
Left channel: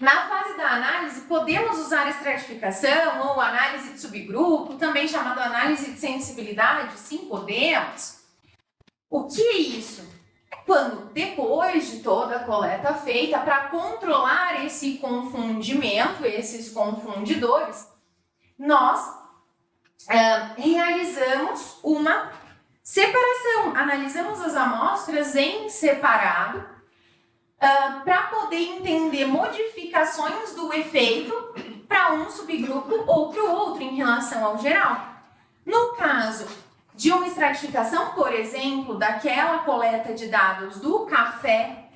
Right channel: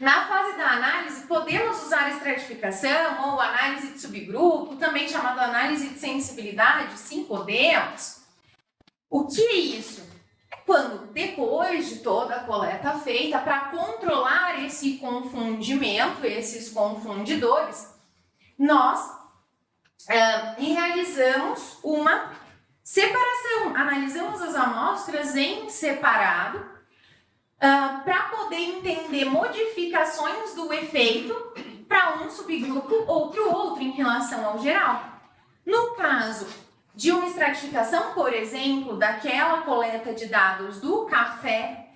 Na fase da análise, podemos usar estratificação ou análise de subgrupo, também chamada análise de sensibilidade? Sim, podemos. O que é isso? É quando, depois de toda a coleta feita, para controlar esse confundimento, esses confundidores, nós realizamos uma separação, analisamos as amostras em separado, para poder entender modificações do efeito para um subgrupo ou para o outro em relação ao geral. No caso de uma estratificação, por exemplo, daquela coleta de dados do café,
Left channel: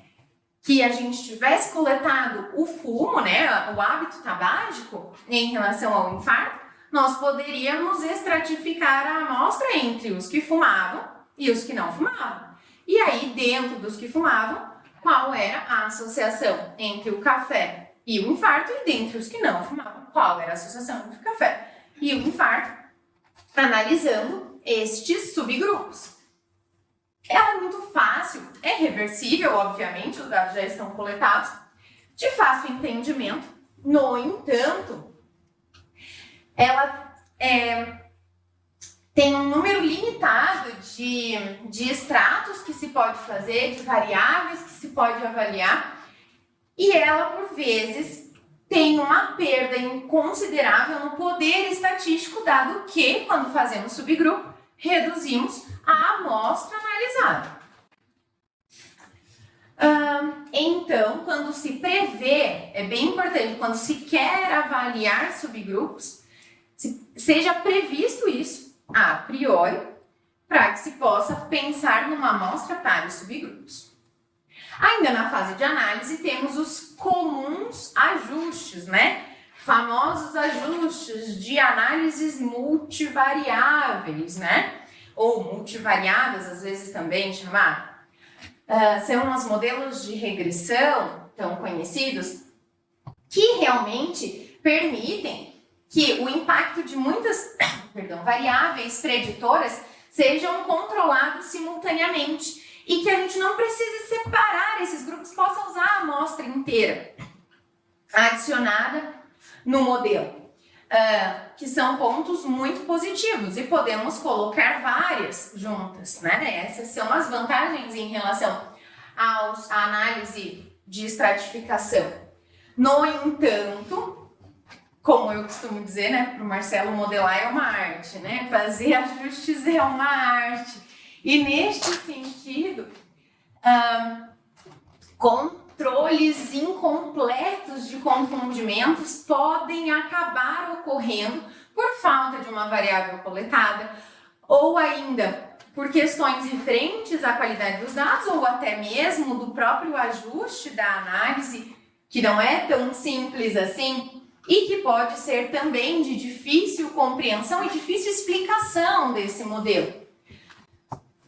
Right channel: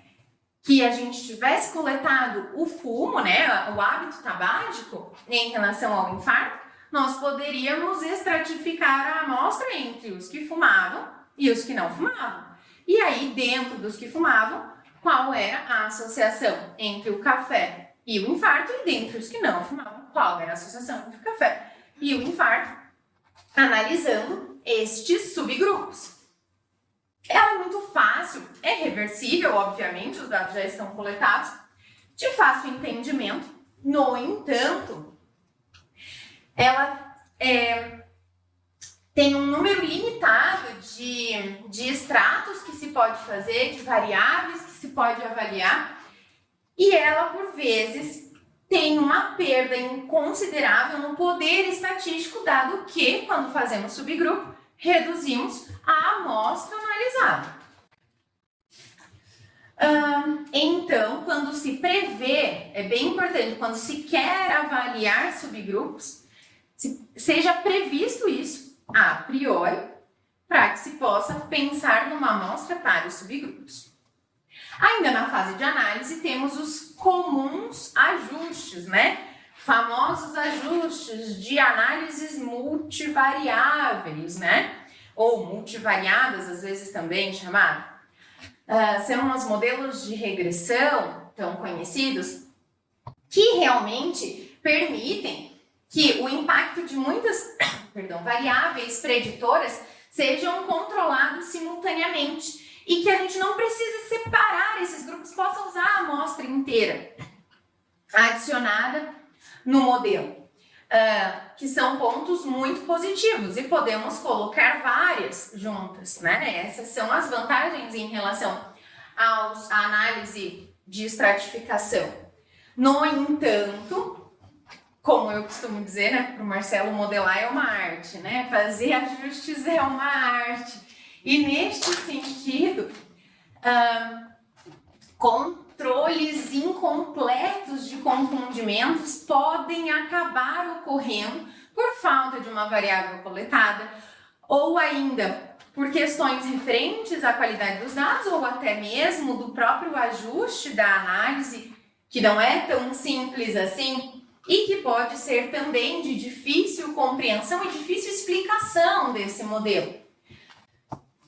que a gente tivesse coletado o fumo, né, o hábito tabágico em relação ao infarto, nós poderíamos estratificar a amostra entre os que fumavam e os que não fumavam. E aí, dentro dos que fumavam, qual era a associação entre o café e o infarto, e dentre os que não fumavam, qual era a associação entre o café e o infarto, analisando estes subgrupos. Ela é muito fácil, é reversível, obviamente, os dados já estão coletados, de fácil entendimento. No entanto, ela tem um número limitado de extratos que se pode fazer, de variáveis que se pode avaliar, e ela, por vezes, tem uma perda considerável no poder estatístico, dado que, quando fazemos subgrupo, reduzimos a amostra analisada. Então, quando se prevê, é bem importante, quando se quer avaliar subgrupos, seja previsto isso a priori, para que se possa pensar numa amostra para os subgrupos. Ainda na fase de análise, temos os comuns ajustes, né? Famosos ajustes de análises multivariáveis, né? Ou multivariadas, às vezes também chamado. São os modelos de regressão, tão conhecidos, que realmente permitem que o impacto de muitas variáveis preditoras sejam controlados simultaneamente e que a gente não precise separar esses grupos, possa usar a amostra inteira adicionada no modelo. que são pontos muito positivos e podemos colocar várias juntas, né? Essas são as vantagens em relação à análise de estratificação. No entanto, como eu costumo dizer, né, para o Marcelo, modelar é uma arte, né? Fazer ajustes é uma arte. E neste sentido, controles incompletos de confundimentos podem acabar ocorrendo por falta de uma variável coletada ou ainda por questões referentes à qualidade dos dados ou até mesmo do próprio ajuste da análise, que não é tão simples assim e que pode ser também de difícil compreensão e difícil explicação desse modelo.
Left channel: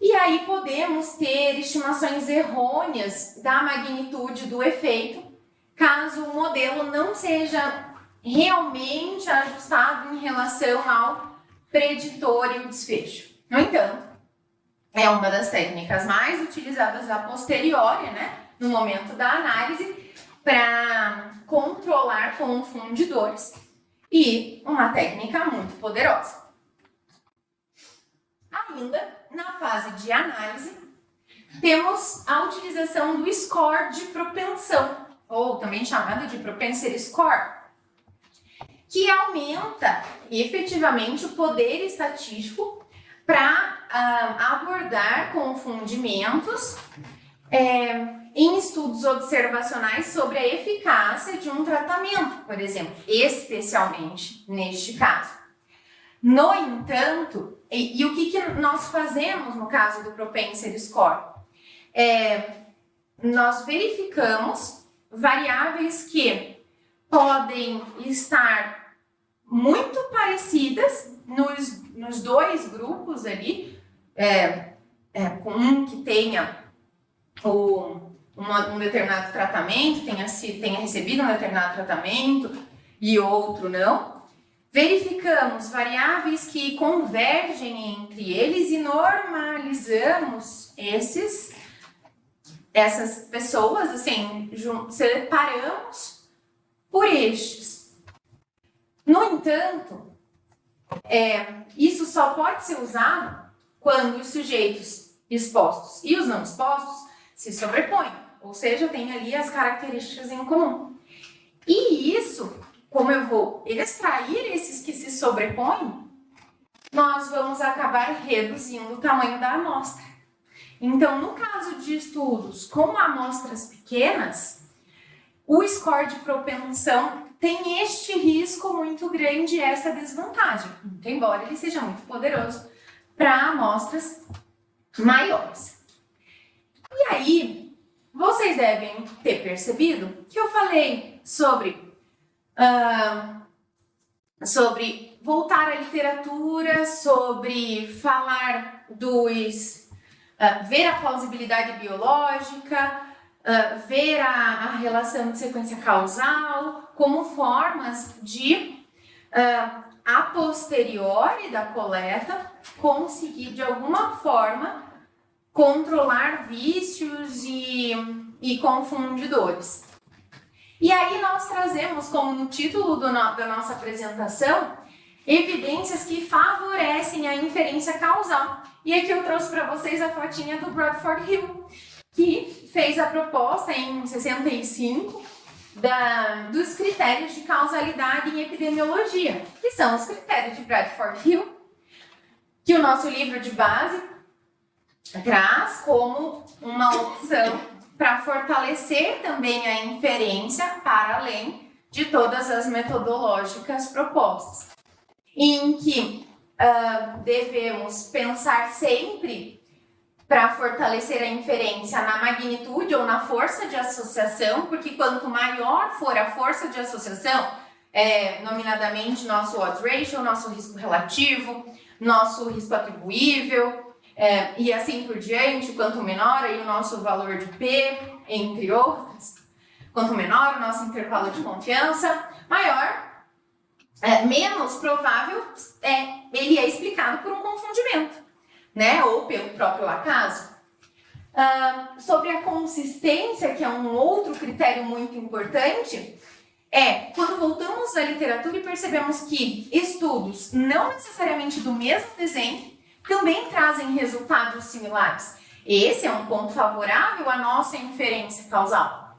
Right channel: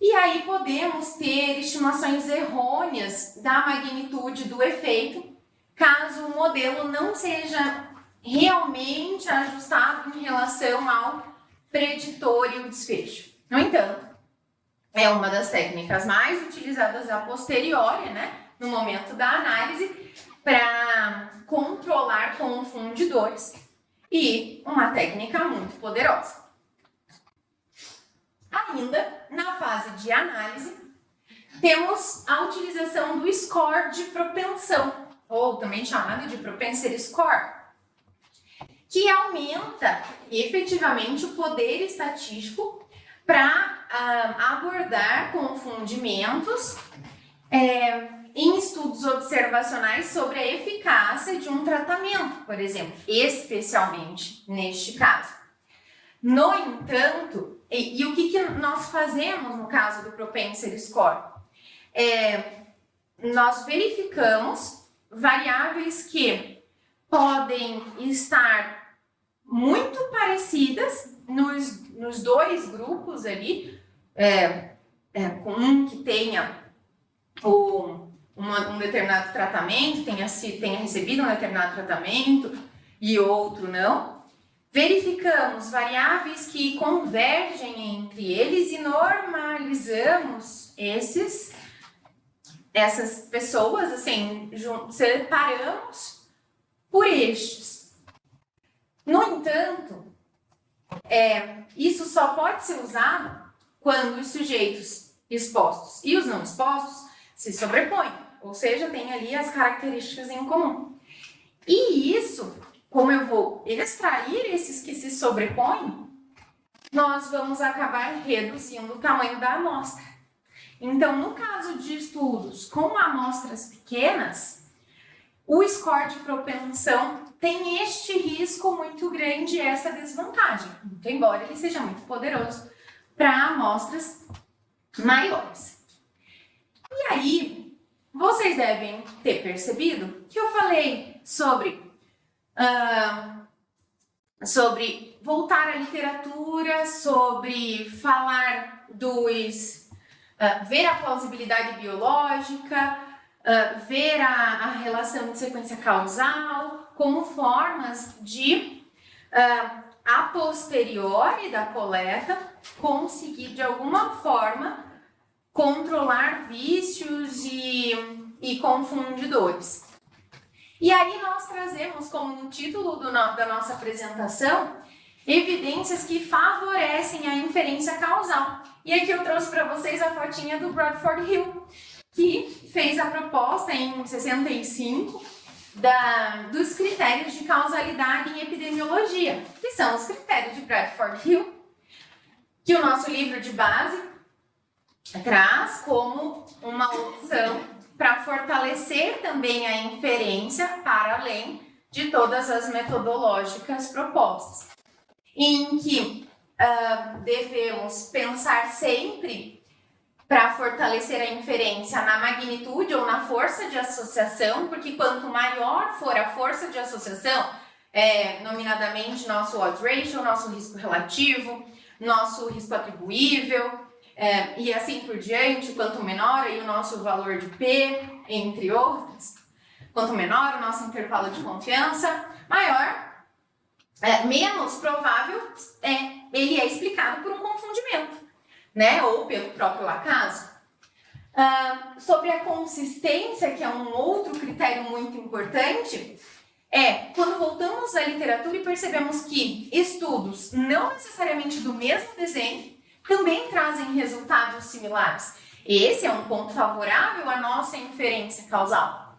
E aí podemos ter estimações errôneas da magnitude do efeito, caso o modelo não seja realmente ajustado em relação ao preditor e o desfecho. No entanto, é uma das técnicas mais utilizadas a posteriori, né, no momento da análise, para controlar confundidores e uma técnica muito poderosa. Ainda na fase de análise, temos a utilização do score de propensão, ou também chamado de propensity score, que aumenta efetivamente o poder estatístico para abordar confundimentos em estudos observacionais sobre a eficácia de um tratamento, por exemplo, especialmente neste caso. No entanto, e o que nós fazemos no caso do propensity score? Nós verificamos variáveis que podem estar muito parecidas nos dois grupos ali, com um que tenha um determinado tratamento, tenha recebido um determinado tratamento e outro não. Verificamos variáveis que convergem entre eles e normalizamos essas pessoas, assim, separamos por estes. No entanto, isso só pode ser usado quando os sujeitos expostos e os não expostos se sobrepõem, ou seja, tem ali as características em comum. E isso, como eu vou extrair esses que se sobrepõem, nós vamos acabar reduzindo o tamanho da amostra. Então, no caso de estudos com amostras pequenas, o score de propensão tem este risco muito grande e essa desvantagem, muito embora ele seja muito poderoso para amostras maiores. E aí, vocês devem ter percebido que eu falei sobre voltar à literatura, sobre falar ver a plausibilidade biológica, ver a relação de sequência causal como formas de, a posteriori da coleta, conseguir de alguma forma controlar vícios e confundidores. E aí nós trazemos, como no título da nossa apresentação, evidências que favorecem a inferência causal. E aqui eu trouxe para vocês a fotinha do Bradford Hill, que fez a proposta em 65 dos critérios de causalidade em epidemiologia, que são os critérios de Bradford Hill, que o nosso livro de base traz como uma opção para fortalecer também a inferência para além de todas as metodológicas propostas, em que devemos pensar sempre para fortalecer a inferência na magnitude ou na força de associação, porque quanto maior for a força de associação, nominadamente nosso odds ratio, nosso risco relativo, nosso risco atribuível, e assim por diante, quanto menor aí o nosso valor de P, entre outros, quanto menor o nosso intervalo de confiança, menos provável ele é explicado por um confundimento, né? Ou pelo próprio acaso. Sobre a consistência, que é um outro critério muito importante, quando voltamos à literatura e percebemos que estudos não necessariamente do mesmo desenho também trazem resultados similares. Esse é um ponto favorável à nossa inferência causal.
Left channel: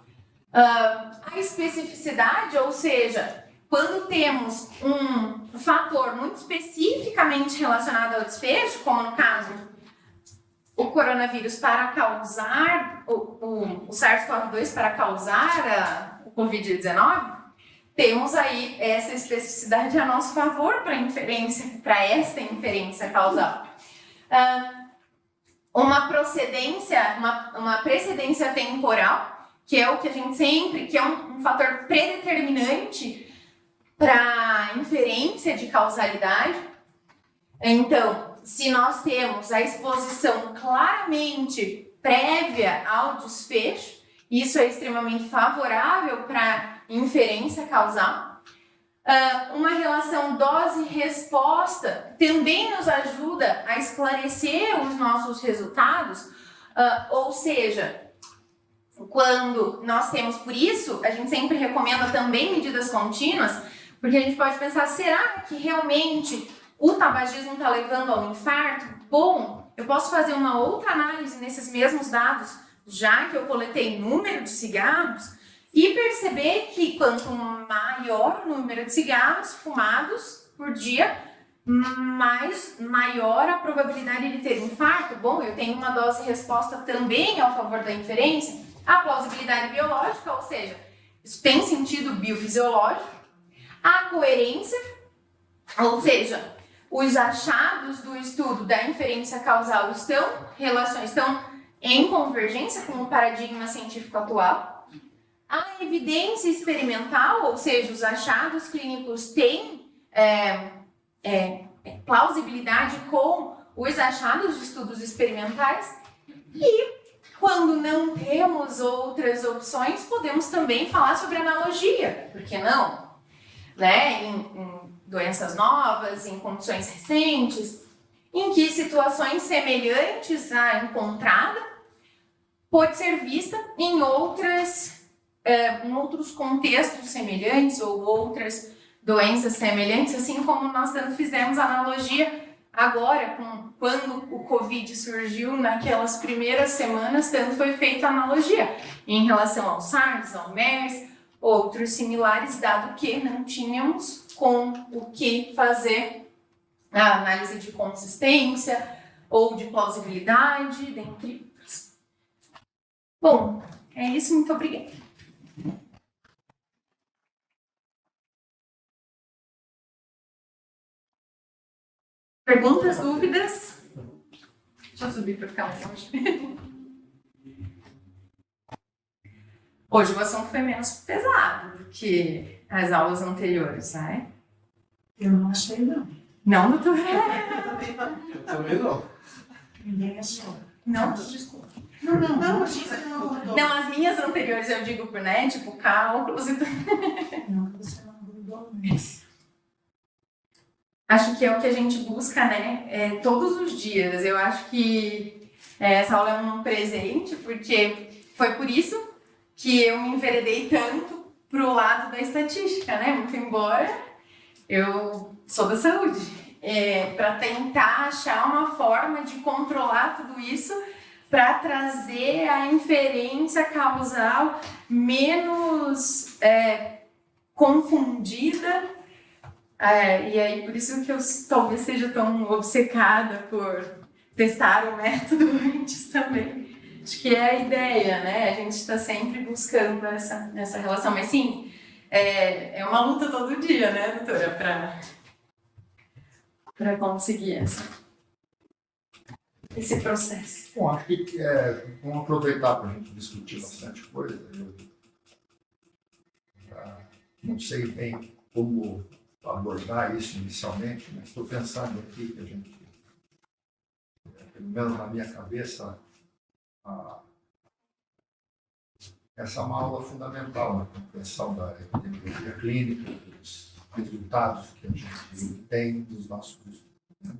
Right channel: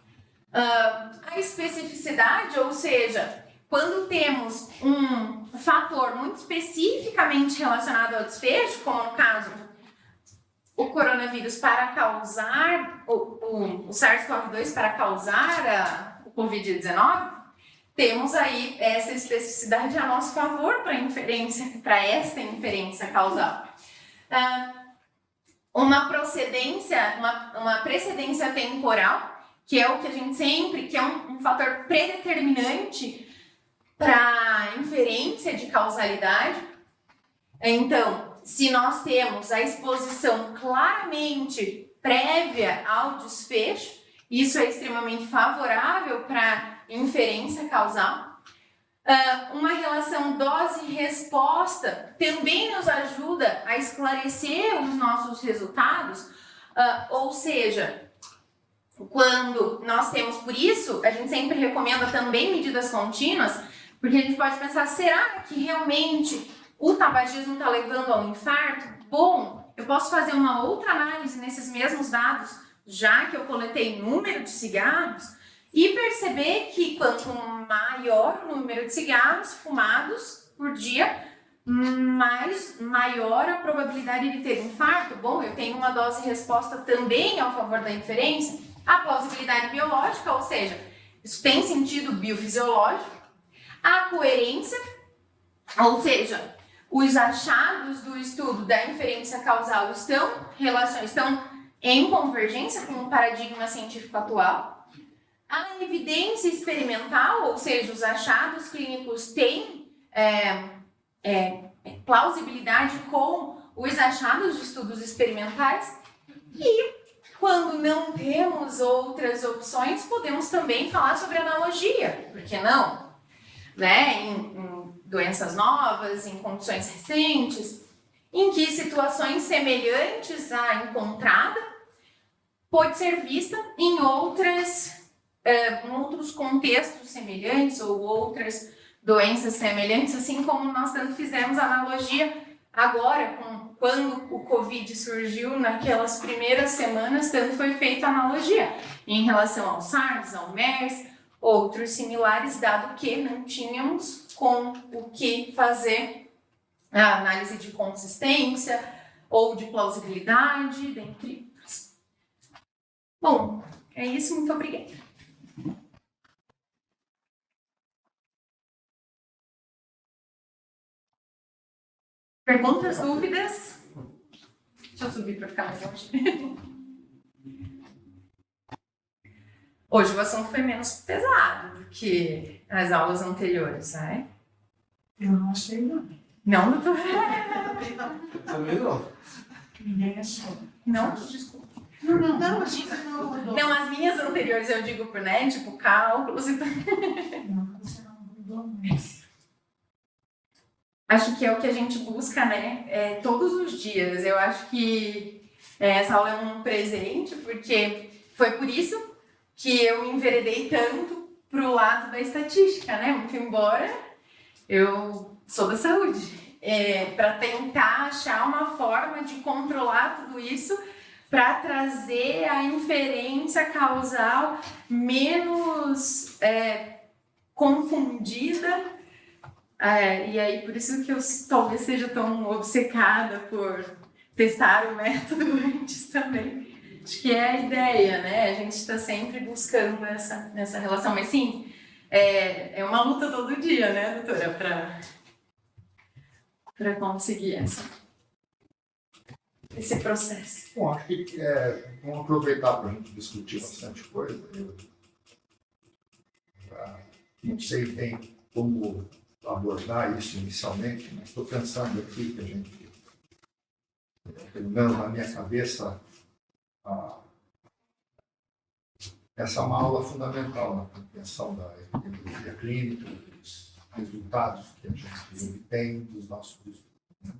A especificidade, ou seja, quando temos um fator muito especificamente relacionado ao desfecho, como no caso o coronavírus para causar, o SARS-CoV-2 para causar o Covid-19, temos aí essa especificidade a nosso favor para esta inferência causal. Uma precedência temporal, que é o que a gente sempre, que é um fator predeterminante para a inferência de causalidade. Então, se nós temos a exposição claramente prévia ao desfecho, isso é extremamente favorável para inferência causal. Uma relação dose-resposta também nos ajuda a esclarecer os nossos resultados, ou seja, quando nós temos, por isso, a gente sempre recomenda também medidas contínuas, porque a gente pode pensar, será que realmente o tabagismo está levando ao infarto? Bom, eu posso fazer uma outra análise nesses mesmos dados, já que eu coletei número de cigarros, e perceber que quanto maior o número de cigarros fumados por dia, maior a probabilidade de ter infarto. Bom, eu tenho uma dose-resposta também ao favor da inferência. A plausibilidade biológica, ou seja, isso tem sentido biofisiológico. A coerência, ou seja, os achados do estudo da inferência causal estão em convergência com o paradigma científico atual. A evidência experimental, ou seja, os achados clínicos têm plausibilidade com os achados de estudos experimentais. E quando não temos outras opções, podemos também falar sobre analogia, por que não? Né? Em doenças novas, em condições recentes, em que situações semelhantes à encontrada pode ser vista em outros contextos semelhantes ou outras doenças semelhantes, assim como nós tanto fizemos analogia agora, quando o Covid surgiu, naquelas primeiras semanas, tanto foi feita analogia em relação ao SARS, ao MERS, outros similares, dado que não tínhamos com o que fazer a análise de consistência ou de plausibilidade, dentre outros. Bom, é isso, muito obrigada. Perguntas, dúvidas? Deixa eu subir para ficar mais longe. Hoje o assunto foi menos pesado do que as aulas anteriores, né? Eu não achei, não. Não, doutor? Eu também não. Ninguém achou. Não? Desculpa. Não, Não, as minhas anteriores eu digo, né? Tipo, cálculos e tudo. Não, você não mudou mais. Acho que é o que a gente busca, né? Todos os dias. Eu acho que essa aula é um presente, porque foi por isso que eu me enveredei tanto pro lado da estatística, né? Muito embora eu sou da saúde. Para tentar achar uma forma de controlar tudo isso para trazer a inferência causal menos confundida. E aí, por isso que eu talvez seja tão obcecada por testar o método antes também. Acho que é a ideia, né? A gente está sempre buscando essa relação. Mas sim, é uma luta todo dia, né, doutora? Para conseguir esse processo. Bom, acho que vamos aproveitar para a gente discutir bastante coisa. Não sei bem como abordar isso inicialmente, mas estou pensando aqui que a gente, pelo menos na minha cabeça, essa é uma aula fundamental na compreensão da epidemiologia clínica, dos resultados que a gente tem dos nossos estudos. Né?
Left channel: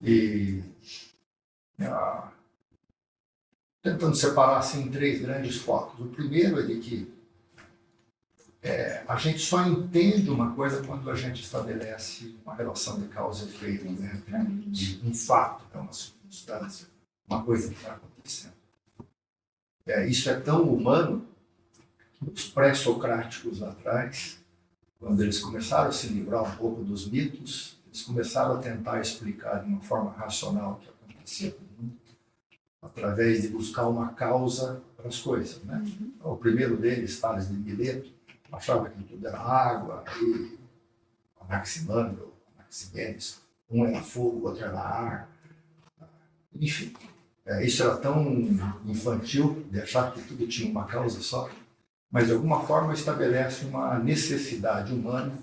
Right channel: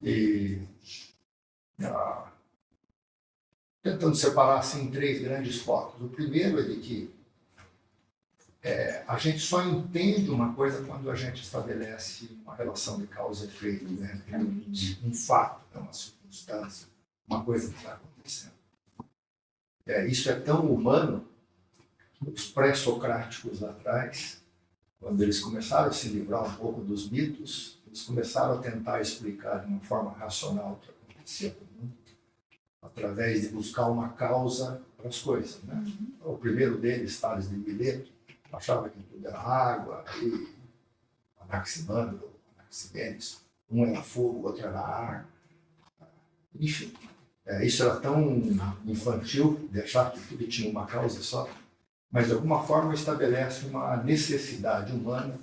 E tentando separar assim, em três grandes focos. O primeiro é de que A gente só entende uma coisa quando a gente estabelece uma relação de causa e efeito, né? De um fato, né? Uma circunstância, uma coisa que está acontecendo. Isso é tão humano que os pré-socráticos lá atrás, quando eles começaram a se livrar um pouco dos mitos, eles começaram a tentar explicar de uma forma racional o que acontecia com o mundo, através de buscar uma causa para as coisas, né? Então, o primeiro deles, Tales de Mileto, achava que tudo era água, e Anaximandro, Anaximenes, um era fogo, o outro era ar. Enfim, isso era tão infantil, de achar que tudo tinha uma causa só, mas de alguma forma estabelece uma necessidade humana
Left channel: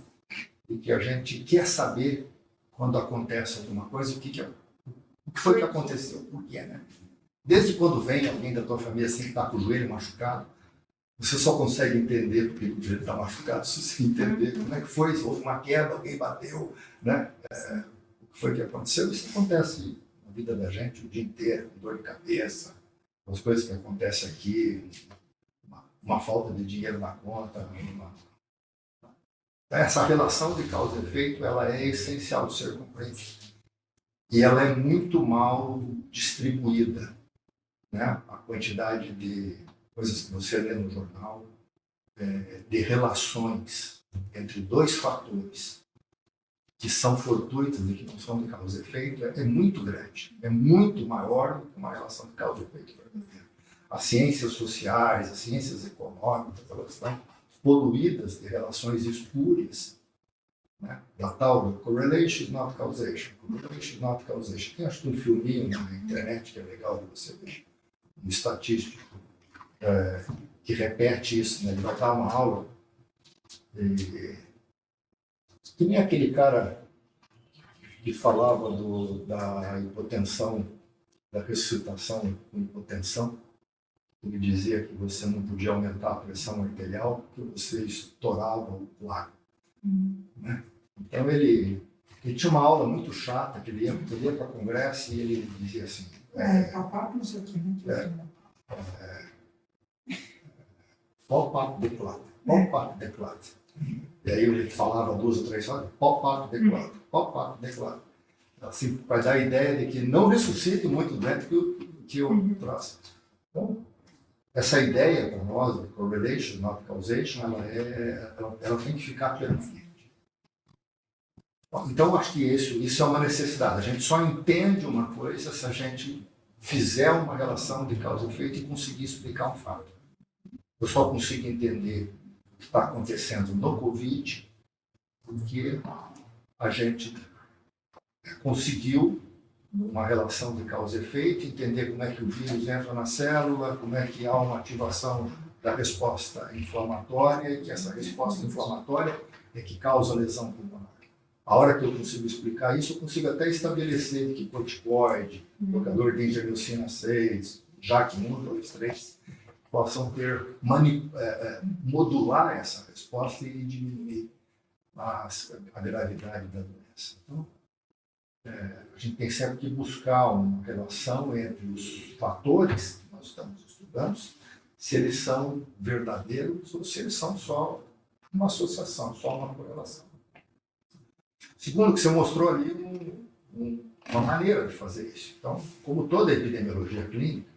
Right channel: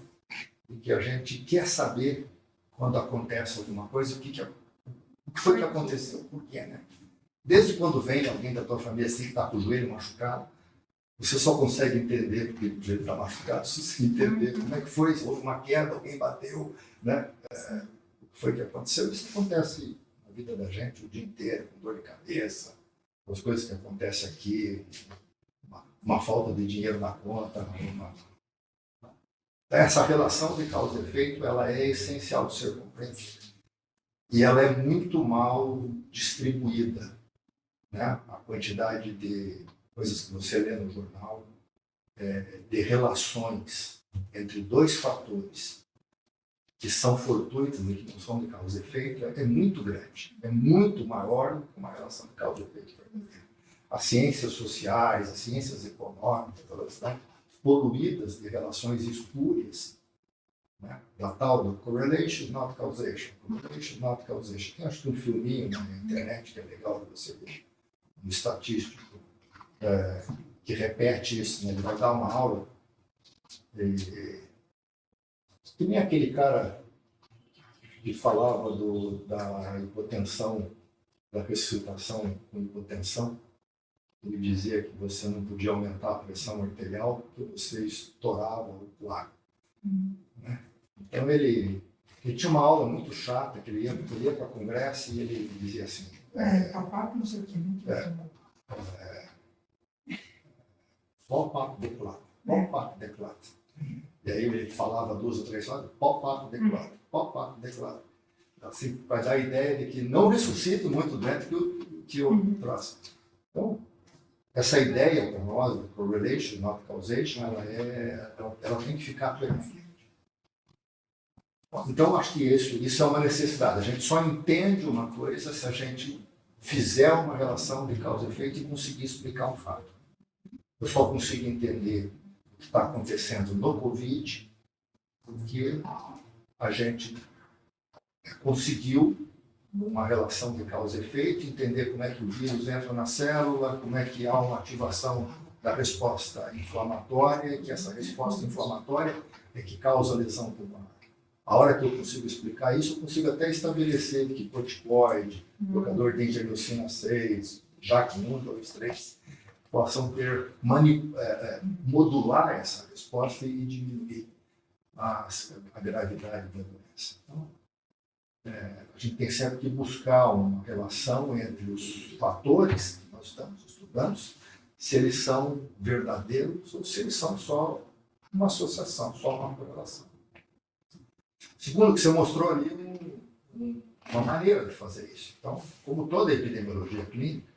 de que a gente quer saber quando acontece alguma coisa, o que foi que aconteceu, por quê, né? Desde quando vem alguém da tua família assim que está com o joelho machucado, você só consegue entender porque o joelho está machucado se você entender como é que foi, se houve uma queda, alguém bateu, né? O que foi que aconteceu. Isso acontece na vida da gente o dia inteiro, com dor de cabeça, as coisas que acontecem aqui, uma falta de dinheiro na conta. Essa relação de causa e efeito, ela é essencial de ser compreendida. E ela é muito mal distribuída, né? A quantidade de coisas que você lê no jornal, de relações entre dois fatores que são fortuitos e que não são de causa e efeito, é muito grande, é muito maior do que uma relação de causa e efeito verdadeira. As ciências sociais, as ciências econômicas, elas estão poluídas de relações espúrias, né? Da tal do correlation, not causation. Correlation, not causation. Tem acho que um filminho na internet que é legal de você ver, um estatístico que repete isso, né? Ele vai dar uma aula que nem aquele cara que falava da hipotensão, da ressuscitação com hipotensão. Ele dizia que você não podia aumentar a pressão arterial porque você estourava o coágulo, né? Então ele tinha uma aula muito chata, que ele ia para congresso e ele dizia assim... Papai, não sei o que, Pop-up declata, pop-up declata. E aí ele falava 2 ou 3 horas, pop-up declata, pop-up declata. Assim, para dar a ideia de que não ressuscita muito doente que eu traço. Então, essa ideia para nós, correlation, not causation, ela tem que ficar permanente. Então, acho que isso é uma necessidade. A gente só entende uma coisa se a gente fizer uma relação de causa e efeito e conseguir explicar um fato. Eu só consigo entender o que está acontecendo no Covid porque a gente conseguiu uma relação de causa e efeito, entender como é que o vírus entra na célula, como é que há uma ativação da resposta inflamatória, e que essa resposta inflamatória é que causa lesão pulmonar. A hora que eu consigo explicar isso, eu consigo até estabelecer que corticoide, bloqueador de interleucina 6, JAK1, 2, 3, possam modular essa resposta e diminuir a gravidade da doença. Então, a gente tem sempre que buscar uma relação entre os fatores que nós estamos estudando, se eles são verdadeiros ou se eles são só uma associação, só uma correlação. Segundo o que você mostrou ali, uma maneira de fazer isso. Então, como toda epidemiologia clínica,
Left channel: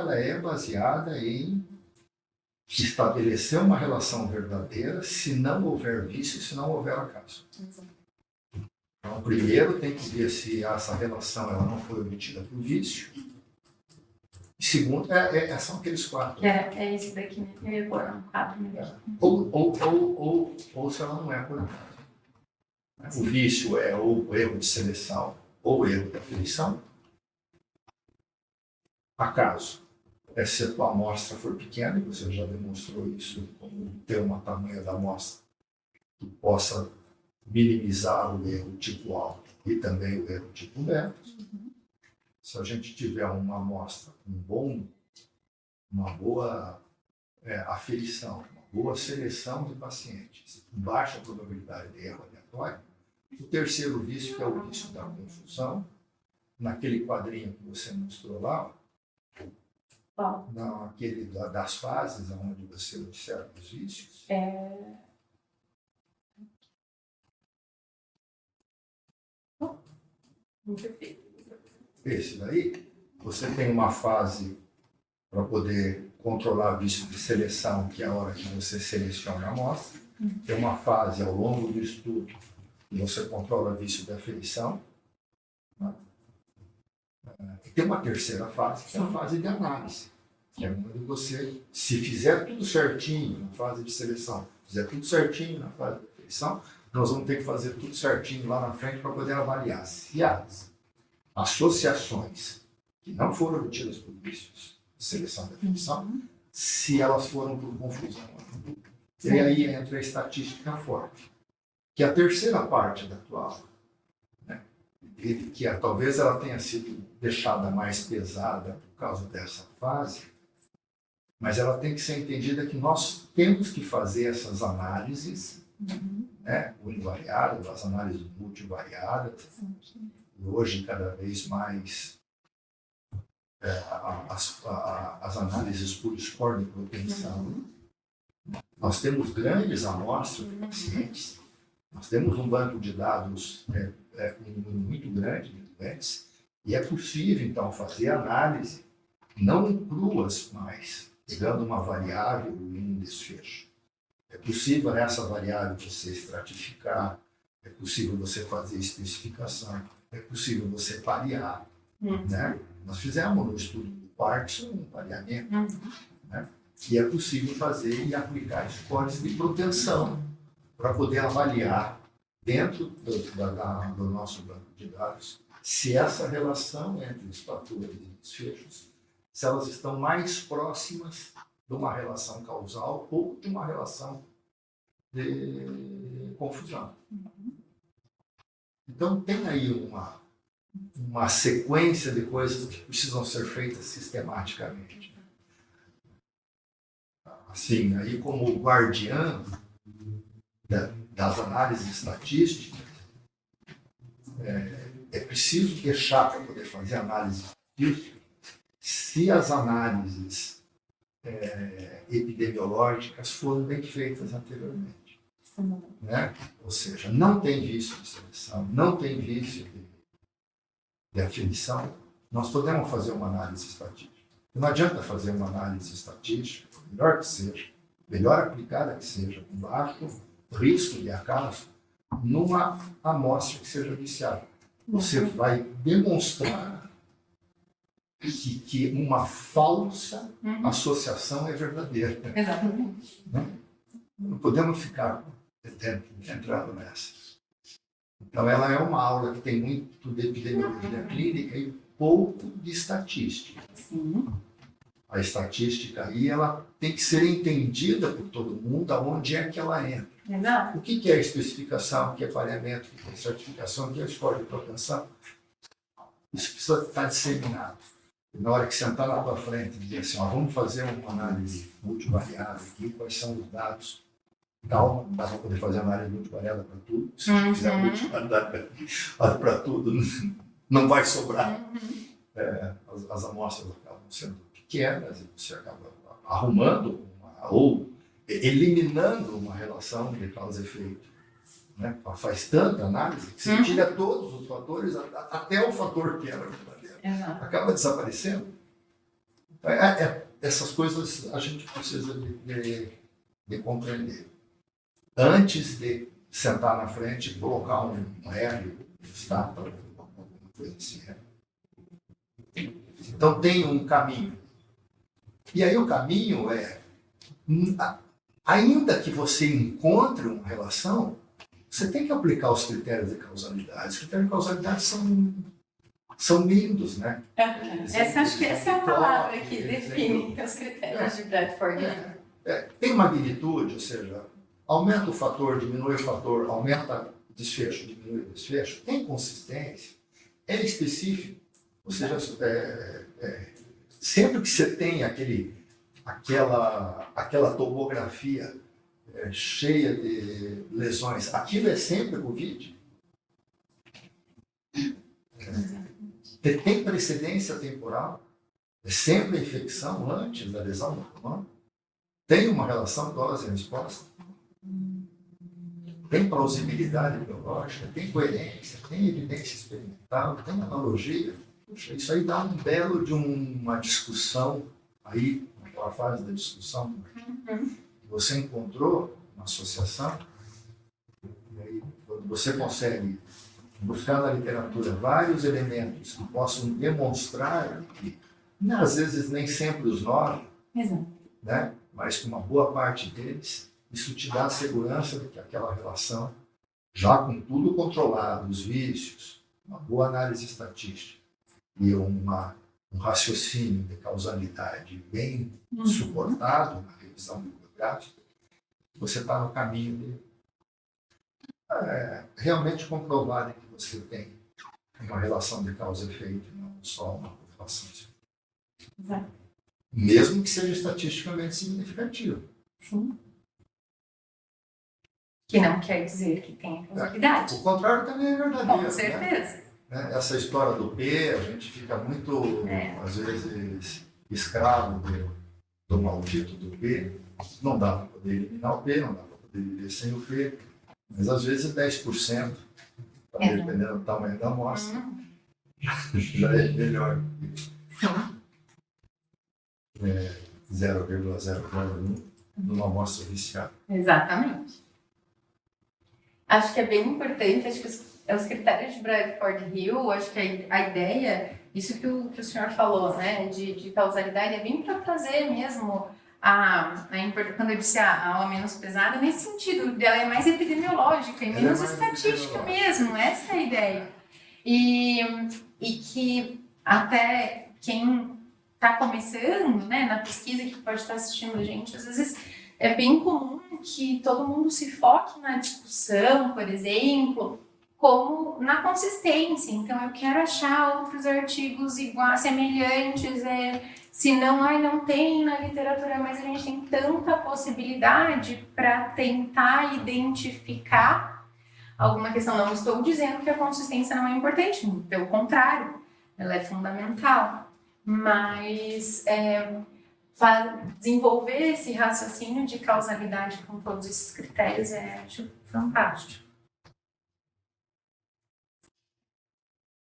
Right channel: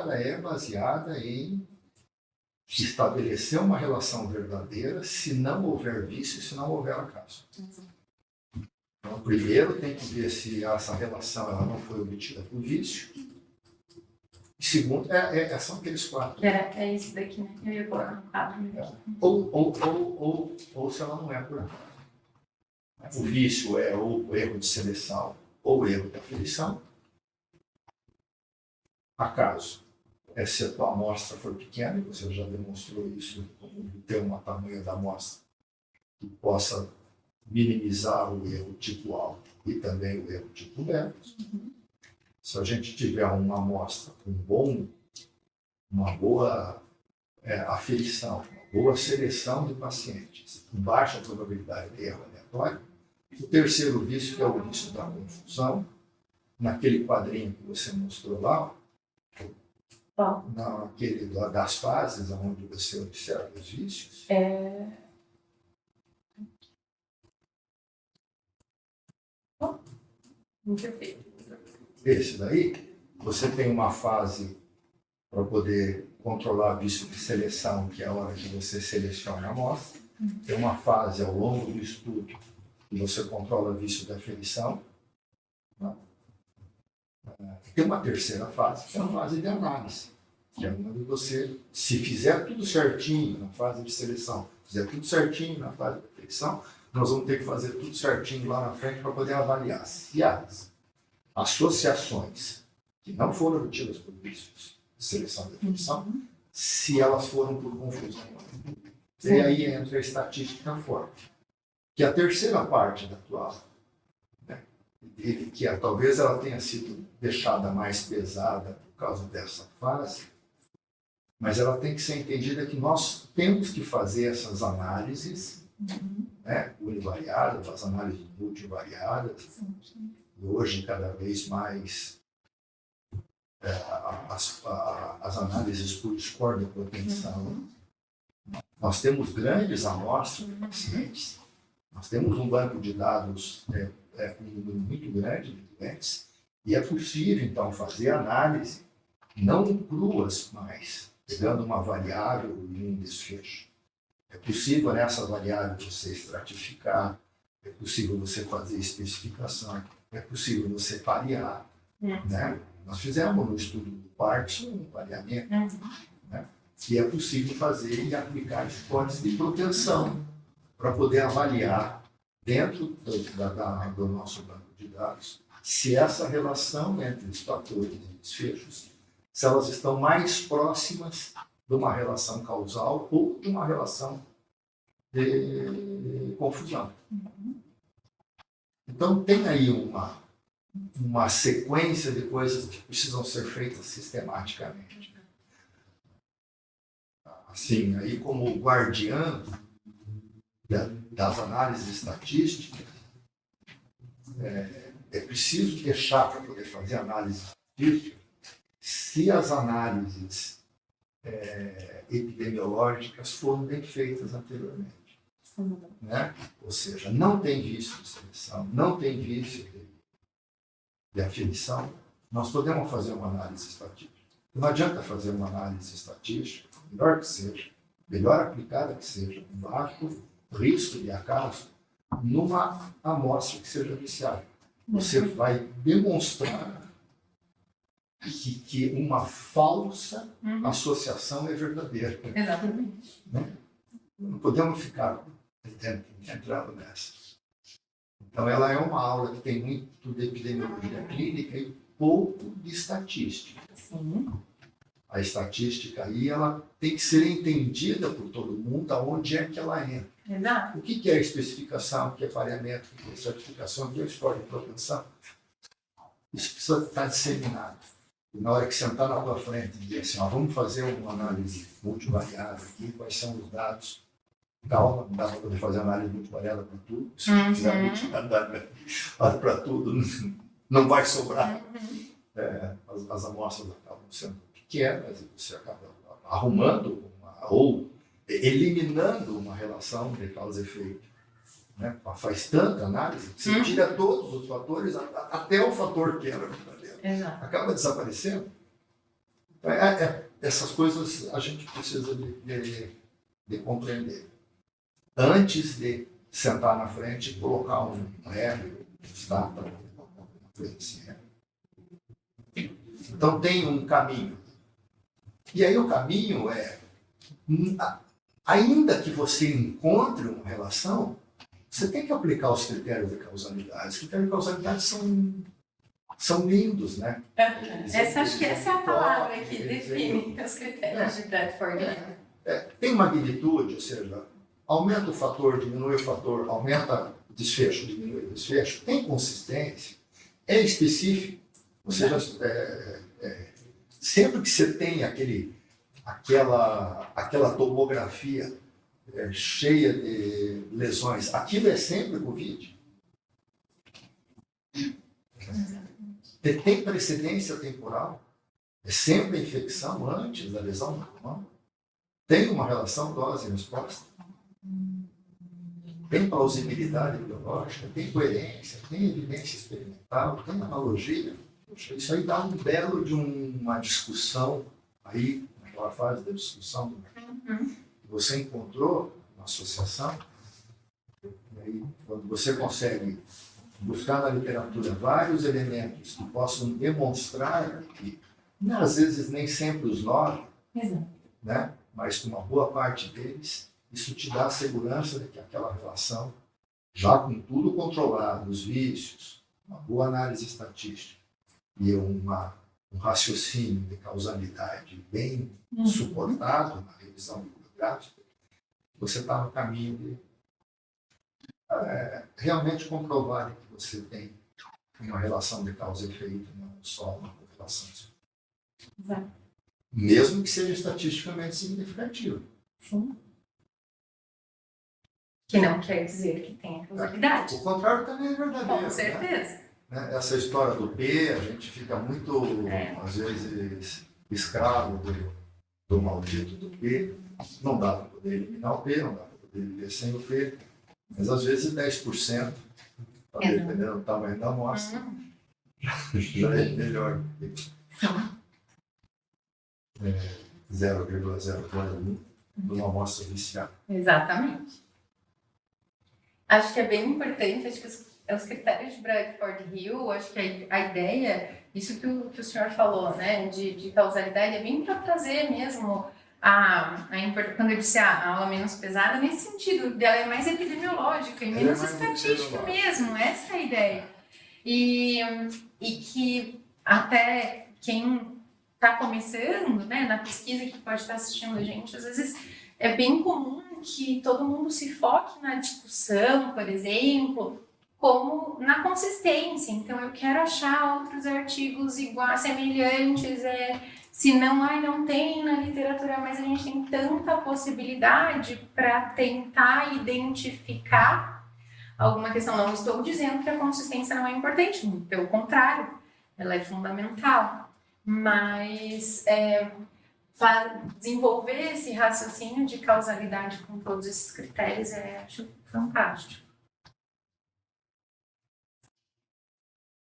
ela é baseada em estabelecer uma relação verdadeira se não houver vício e se não houver acaso. Então, primeiro tem que ver se essa relação ela não foi obtida por vício. E segundo, são aqueles 4. É isso daqui, né? Eu ia pôr um quadro. Ou se ela não é por acaso. O vício é ou o erro de seleção ou o erro de aferição. Acaso é se a tua amostra for pequena, e você já demonstrou isso, como ter uma tamanho da amostra que possa minimizar o erro tipo alto e também o erro tipo beta. Se a gente tiver uma amostra com uma boa aferição, uma boa seleção de pacientes, com baixa probabilidade de erro aleatório, o terceiro vício, que é o vício da confusão, naquele quadrinho que você mostrou lá, Bom, naquele das fases onde você observa os vícios? Perfeito. Esse daí, você tem uma fase para poder controlar vício de seleção, que é a hora que você seleciona a amostra. Tem uma fase ao longo do estudo que você controla vício de aferição. Né? E tem uma terceira fase, que é a fase de análise, que é onde você, se fizer tudo certinho na fase de seleção, fizer tudo certinho na fase de aferição, nós vamos ter que fazer tudo certinho lá na frente para poder avaliar se as associações que não foram obtidas por vícios de seleção de aferição, se elas foram por confusão. E aí entra a estatística forte, que é a terceira parte da tua aula, né? Que talvez ela tenha sido deixada mais pesada por causa dessa fase, mas ela tem que ser entendida que nós temos que fazer essas análises, né, univariadas, as análises multivariadas, e hoje cada vez mais as análises por score de propensão. Nós temos grandes amostras de pacientes, nós temos um banco de dados com um número muito grande de doentes, e é possível, então, fazer análise não cruas mais, pegando uma variável e um desfecho. É possível nessa variável você estratificar, é possível você fazer especificação, é possível você parear. Né? Nós fizemos no estudo do Parkinson um pareamento, né? E é possível fazer e aplicar scores de propensão para poder avaliar dentro do nosso banco de dados se essa relação entre os fatores e desfechos, se elas estão mais próximas de uma relação causal ou de uma relação de confusão. Então, tem aí uma sequência de coisas que precisam ser feitas sistematicamente. Assim, aí como guardião das análises estatísticas, é preciso deixar para poder fazer análise estatística se as análises epidemiológicas foram bem feitas anteriormente. Né? Ou seja, não tem vício de seleção, não tem vício de aferição, nós podemos fazer uma análise estatística. Não adianta fazer uma análise estatística, melhor que seja, melhor aplicada que seja, com baixo risco de acaso, numa amostra que seja viciada. Você vai demonstrar que uma falsa associação é verdadeira. Exatamente. Não podemos ficar entrando nessa. Então, ela é uma aula que tem muito de epidemiologia clínica e pouco de estatística. Sim. A estatística aí, ela tem que ser entendida por todo mundo aonde é que ela entra. Exato. O que é especificação, o que é pareamento, o que é certificação, o que é score de propensão? Isso precisa estar disseminado. E na hora que sentar na tua frente e dizer assim, vamos fazer uma análise multivariada aqui, quais são os dados? Calma, não dá para poder fazer análise multivariada para tudo. Se fizer multivariada para tudo, não vai sobrar. As amostras acabam sendo pequenas e você acaba arrumando ou eliminando uma relação de causa e efeito. Né? Faz tanta análise que você tira todos os fatores, até o fator que era verdadeiro. Acaba desaparecendo. Então, essas coisas a gente precisa de compreender. Antes de sentar na frente e colocar um L, estátua, alguma coisa assim. Então tem um caminho. E aí o caminho ainda que você encontre uma relação, você tem que aplicar os critérios de causalidade. Os critérios de causalidade são lindos, né? Acho que essa é a palavra que define os critérios de Bradford. Tem magnitude, ou seja, aumenta o fator, diminui o fator, aumenta o desfecho, diminui o desfecho, tem consistência, é específico. Ou seja, sempre que você tem aquela topografia cheia de lesões, aquilo é sempre Covid. Tem precedência temporal. É sempre a infecção antes da lesão do pulmão? Tem uma relação dose e resposta? Tem plausibilidade biológica? Tem coerência? Tem evidência experimental? Tem analogia? Puxa, isso aí dá um belo de uma discussão aí, naquela fase da discussão do você encontrou uma associação, e aí, quando você consegue buscar na literatura vários elementos que possam demonstrar que, às vezes, nem sempre os 9, né, mas com uma boa parte deles, isso te dá a segurança de que aquela relação, já com tudo controlado, os vícios, uma boa análise estatística e um raciocínio de causalidade bem suportado na revisão bibliográfica, você está no caminho de realmente comprovar que você tem uma relação de causa e efeito, não só uma correlação. Exato. Mesmo que seja estatisticamente significativo. Sim. Que não quer dizer que tem causalidade. O contrário também é verdadeiro. Com certeza. Né? Essa história do P, a gente fica muito, às vezes, escravo do maldito do P. Não dá para poder eliminar o P, não dá para poder viver sem o P, mas às vezes 10%, dependendo do tamanho da amostra, já é melhor do que 0,001 numa amostra viciada. Exatamente. Acho que é bem importante, acho que os critérios de Bradford Hill, acho que a ideia, isso que o senhor falou, né, de causalidade, é bem para trazer mesmo quando eu disse a aula menos pesada, nesse sentido, dela é mais epidemiológica e menos estatística mesmo, essa é a ideia. E que até quem está começando, né, na pesquisa, que pode estar assistindo a gente, às vezes é bem comum que todo mundo se foque na discussão, por exemplo, como na consistência. Então, eu quero achar outros artigos iguais, semelhantes, se não, não tem na literatura, mas a gente tem tanta possibilidade para tentar identificar alguma questão. Não estou dizendo que a consistência não é importante, pelo contrário, ela é fundamental, mas desenvolver esse raciocínio de causalidade com todos esses critérios acho fantástico.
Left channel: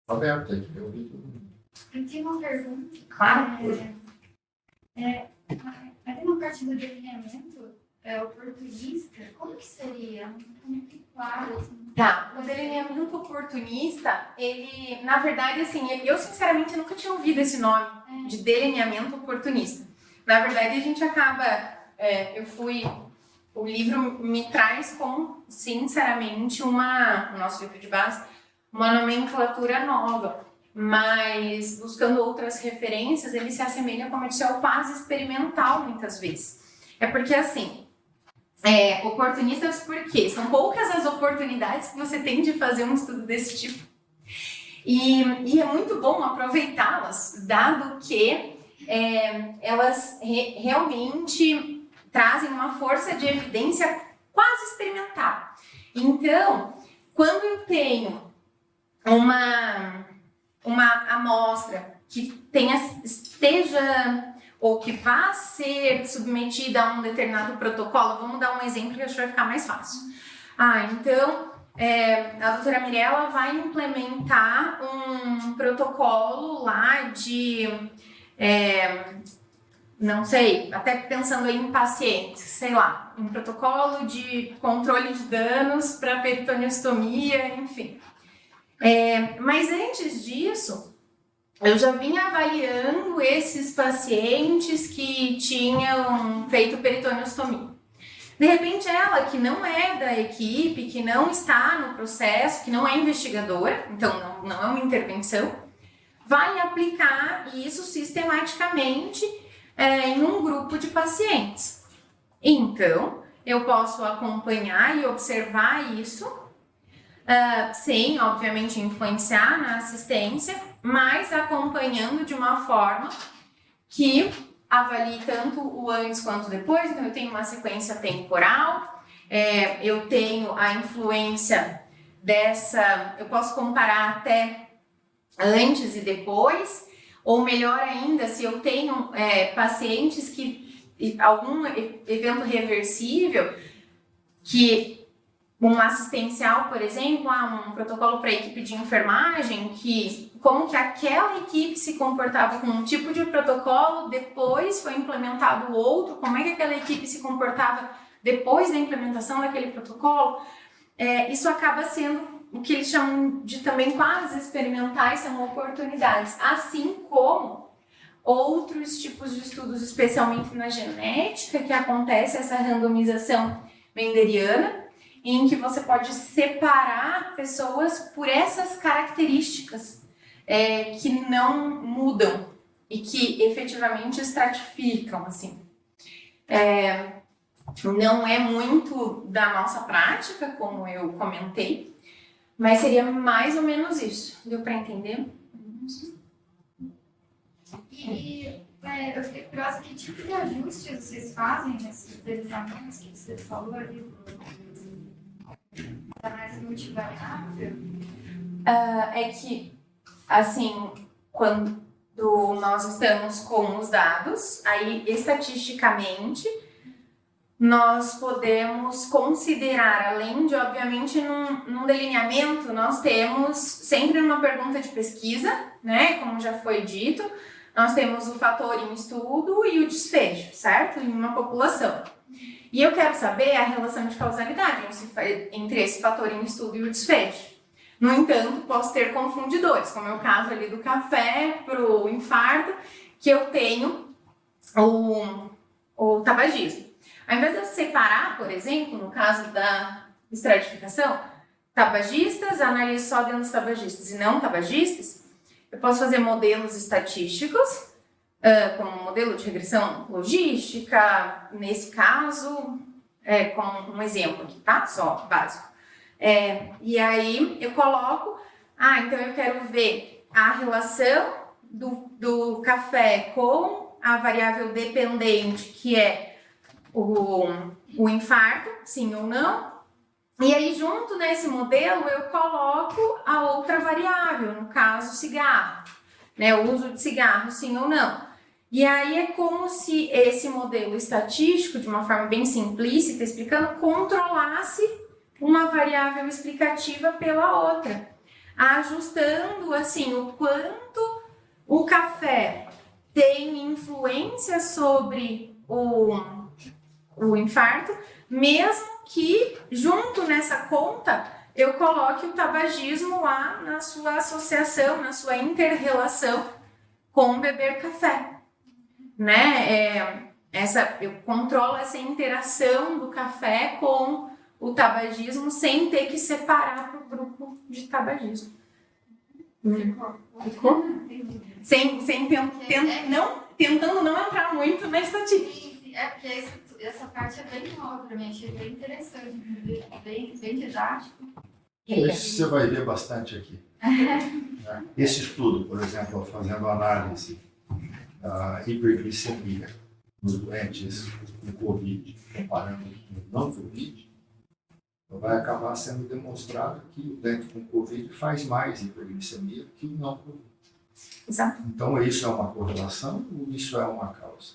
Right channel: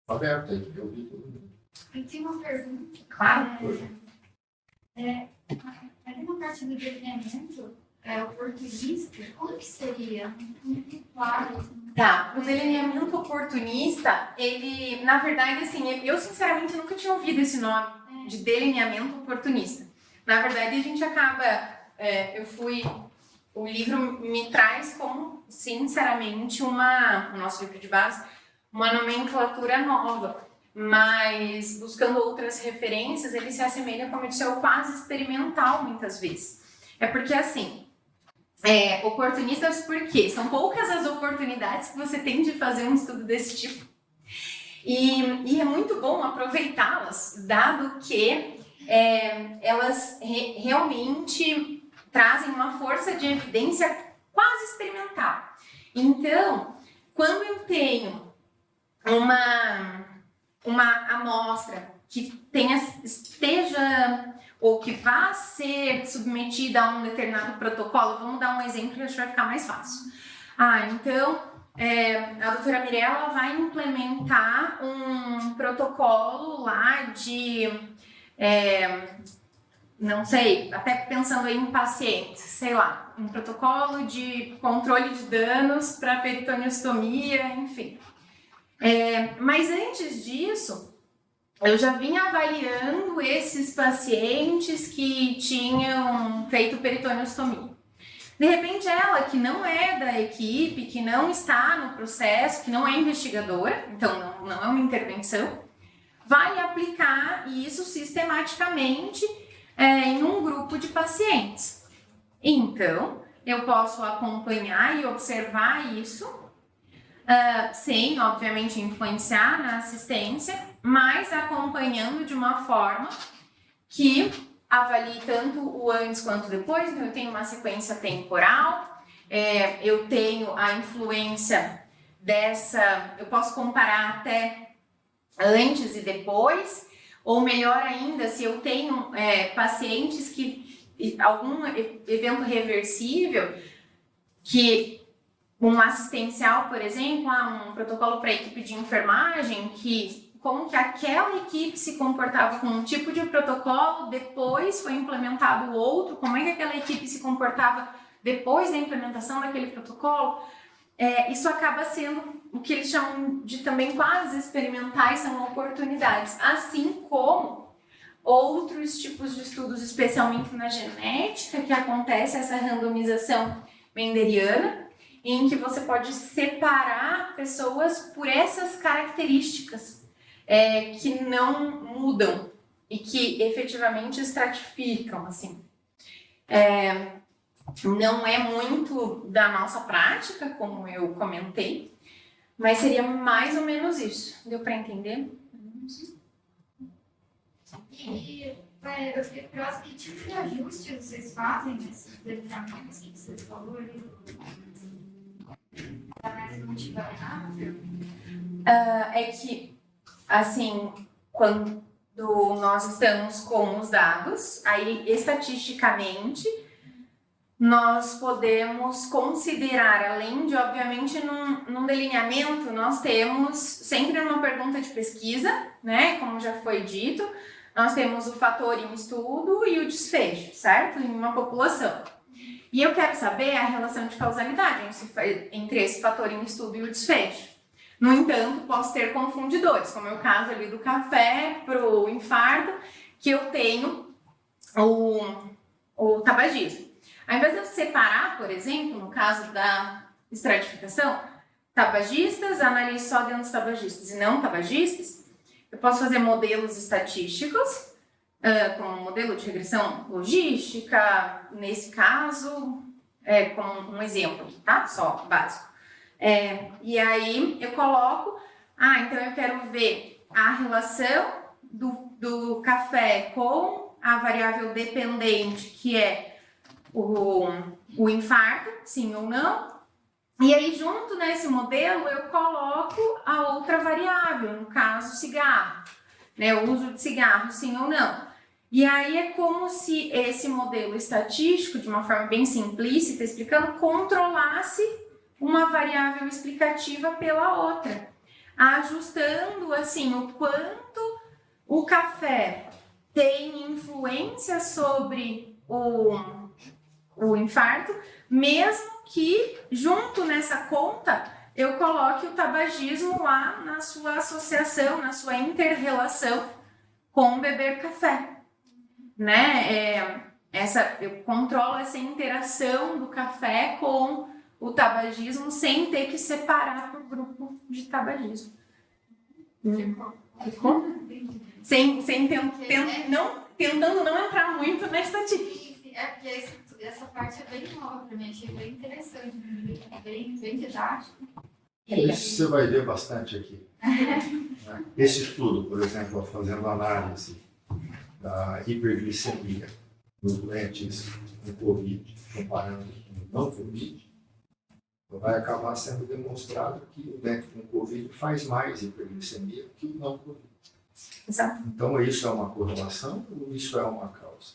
Aberto aí, eu vi todo mundo. Eu tenho uma pergunta. Claro. Ali na parte do delineamento, o oportunista, como que seria? Muito claro. Assim. Tá, o delineamento oportunista, ele, na verdade, assim, eu sinceramente nunca tinha ouvido esse nome de delineamento oportunista. Na verdade, a gente acaba, o livro me traz como, sinceramente, o nosso livro de base, uma nomenclatura nova, mas buscando outras referências, ele se assemelha, como eu disse, ao quase experimental, muitas vezes. É porque, assim, oportunistas por quê? São poucas as oportunidades que você tem de fazer um estudo desse tipo. E é muito bom aproveitá-las, dado que elas realmente trazem uma força de evidência quase experimental. Então, quando eu tenho uma amostra que esteja ou que vá ser submetida a um determinado protocolo, vamos dar um exemplo que acho que vai ficar mais fácil. Então, a doutora Mirella vai implementar um protocolo lá de, não sei, até pensando em pacientes, sei lá, um protocolo de controle de danos para peritoneuostomia, enfim. Mas antes disso, eu já vinha avaliando esses pacientes que tinham feito peritoneuostomia. De repente, ela, que não é da equipe, que não está no processo, que não é investigadora, então não é uma intervenção, vai aplicar isso sistematicamente em um grupo de pacientes. Então, eu posso acompanhar e observar isso, sem, obviamente, influenciar na assistência, mas acompanhando de uma forma que avalie tanto o antes quanto o depois. Então, eu tenho uma sequência temporal, eu tenho a influência eu posso comparar até antes e depois, Ou melhor ainda, se eu tenho pacientes que algum evento reversível, que um assistencial, por exemplo, um protocolo para a equipe de enfermagem, que como que aquela equipe se comportava com um tipo de protocolo, depois foi implementado outro, como é que aquela equipe se comportava depois da implementação daquele protocolo, isso acaba sendo o que eles chamam de também quase experimentais, são oportunidades, assim como outros tipos de estudos, especialmente na genética, que acontece essa randomização mendeliana, em que você pode separar pessoas por essas características que não mudam e que efetivamente estratificam, assim. Não é muito da nossa prática, como eu comentei, mas seria mais ou menos isso. Deu para entender? Eu fiquei curiosa, que tipo de ajustes vocês fazem nesses desenhamentos que você falou ali? Da análise multivariável? É que, assim, quando nós estamos com os dados, aí estatisticamente nós podemos considerar, além de, obviamente, num delineamento, nós temos sempre uma pergunta de pesquisa, né? Como já foi dito, nós temos o fator em estudo e o desfecho, certo? Em uma população. E eu quero saber a relação de causalidade entre esse fator em estudo e o desfecho. No entanto, posso ter confundidores, como é o caso ali do café para o infarto, que eu tenho o tabagismo. Ao invés de eu separar, por exemplo, no caso da estratificação, tabagistas, analiso só dentro dos tabagistas e não tabagistas, eu posso fazer modelos estatísticos, como modelo de regressão logística, nesse caso, como um exemplo aqui, tá? Só básico. E aí eu coloco, então eu quero ver a relação do café com a variável dependente, que é o infarto, sim ou não. E aí, junto nesse modelo, eu coloco a outra variável, no caso, cigarro, né? O uso de cigarro, sim ou não. E aí é como se esse modelo estatístico, de uma forma bem simplista, explicando, controlasse uma variável explicativa pela outra, ajustando, assim, o quanto o café tem influência sobre o infarto, mesmo que junto nessa conta eu coloque o tabagismo lá na sua associação, na sua inter-relação com beber café, né? Eu controlo essa interação do café com o tabagismo sem ter que separar por grupo de tabagismo. Ficou? Tentando não entrar muito na estatística. Porque essa parte é bem nova para mim, achei bem interessante, bem didático. Isso você vai ver bastante aqui. Esse estudo, por exemplo, fazendo análise da hiperglicemia nos doentes com Covid, comparando com não Covid, vai acabar sendo demonstrado que o doente com Covid faz mais hiperglicemia que o não Covid. Exato. Então, isso é uma correlação ou isso é uma causa?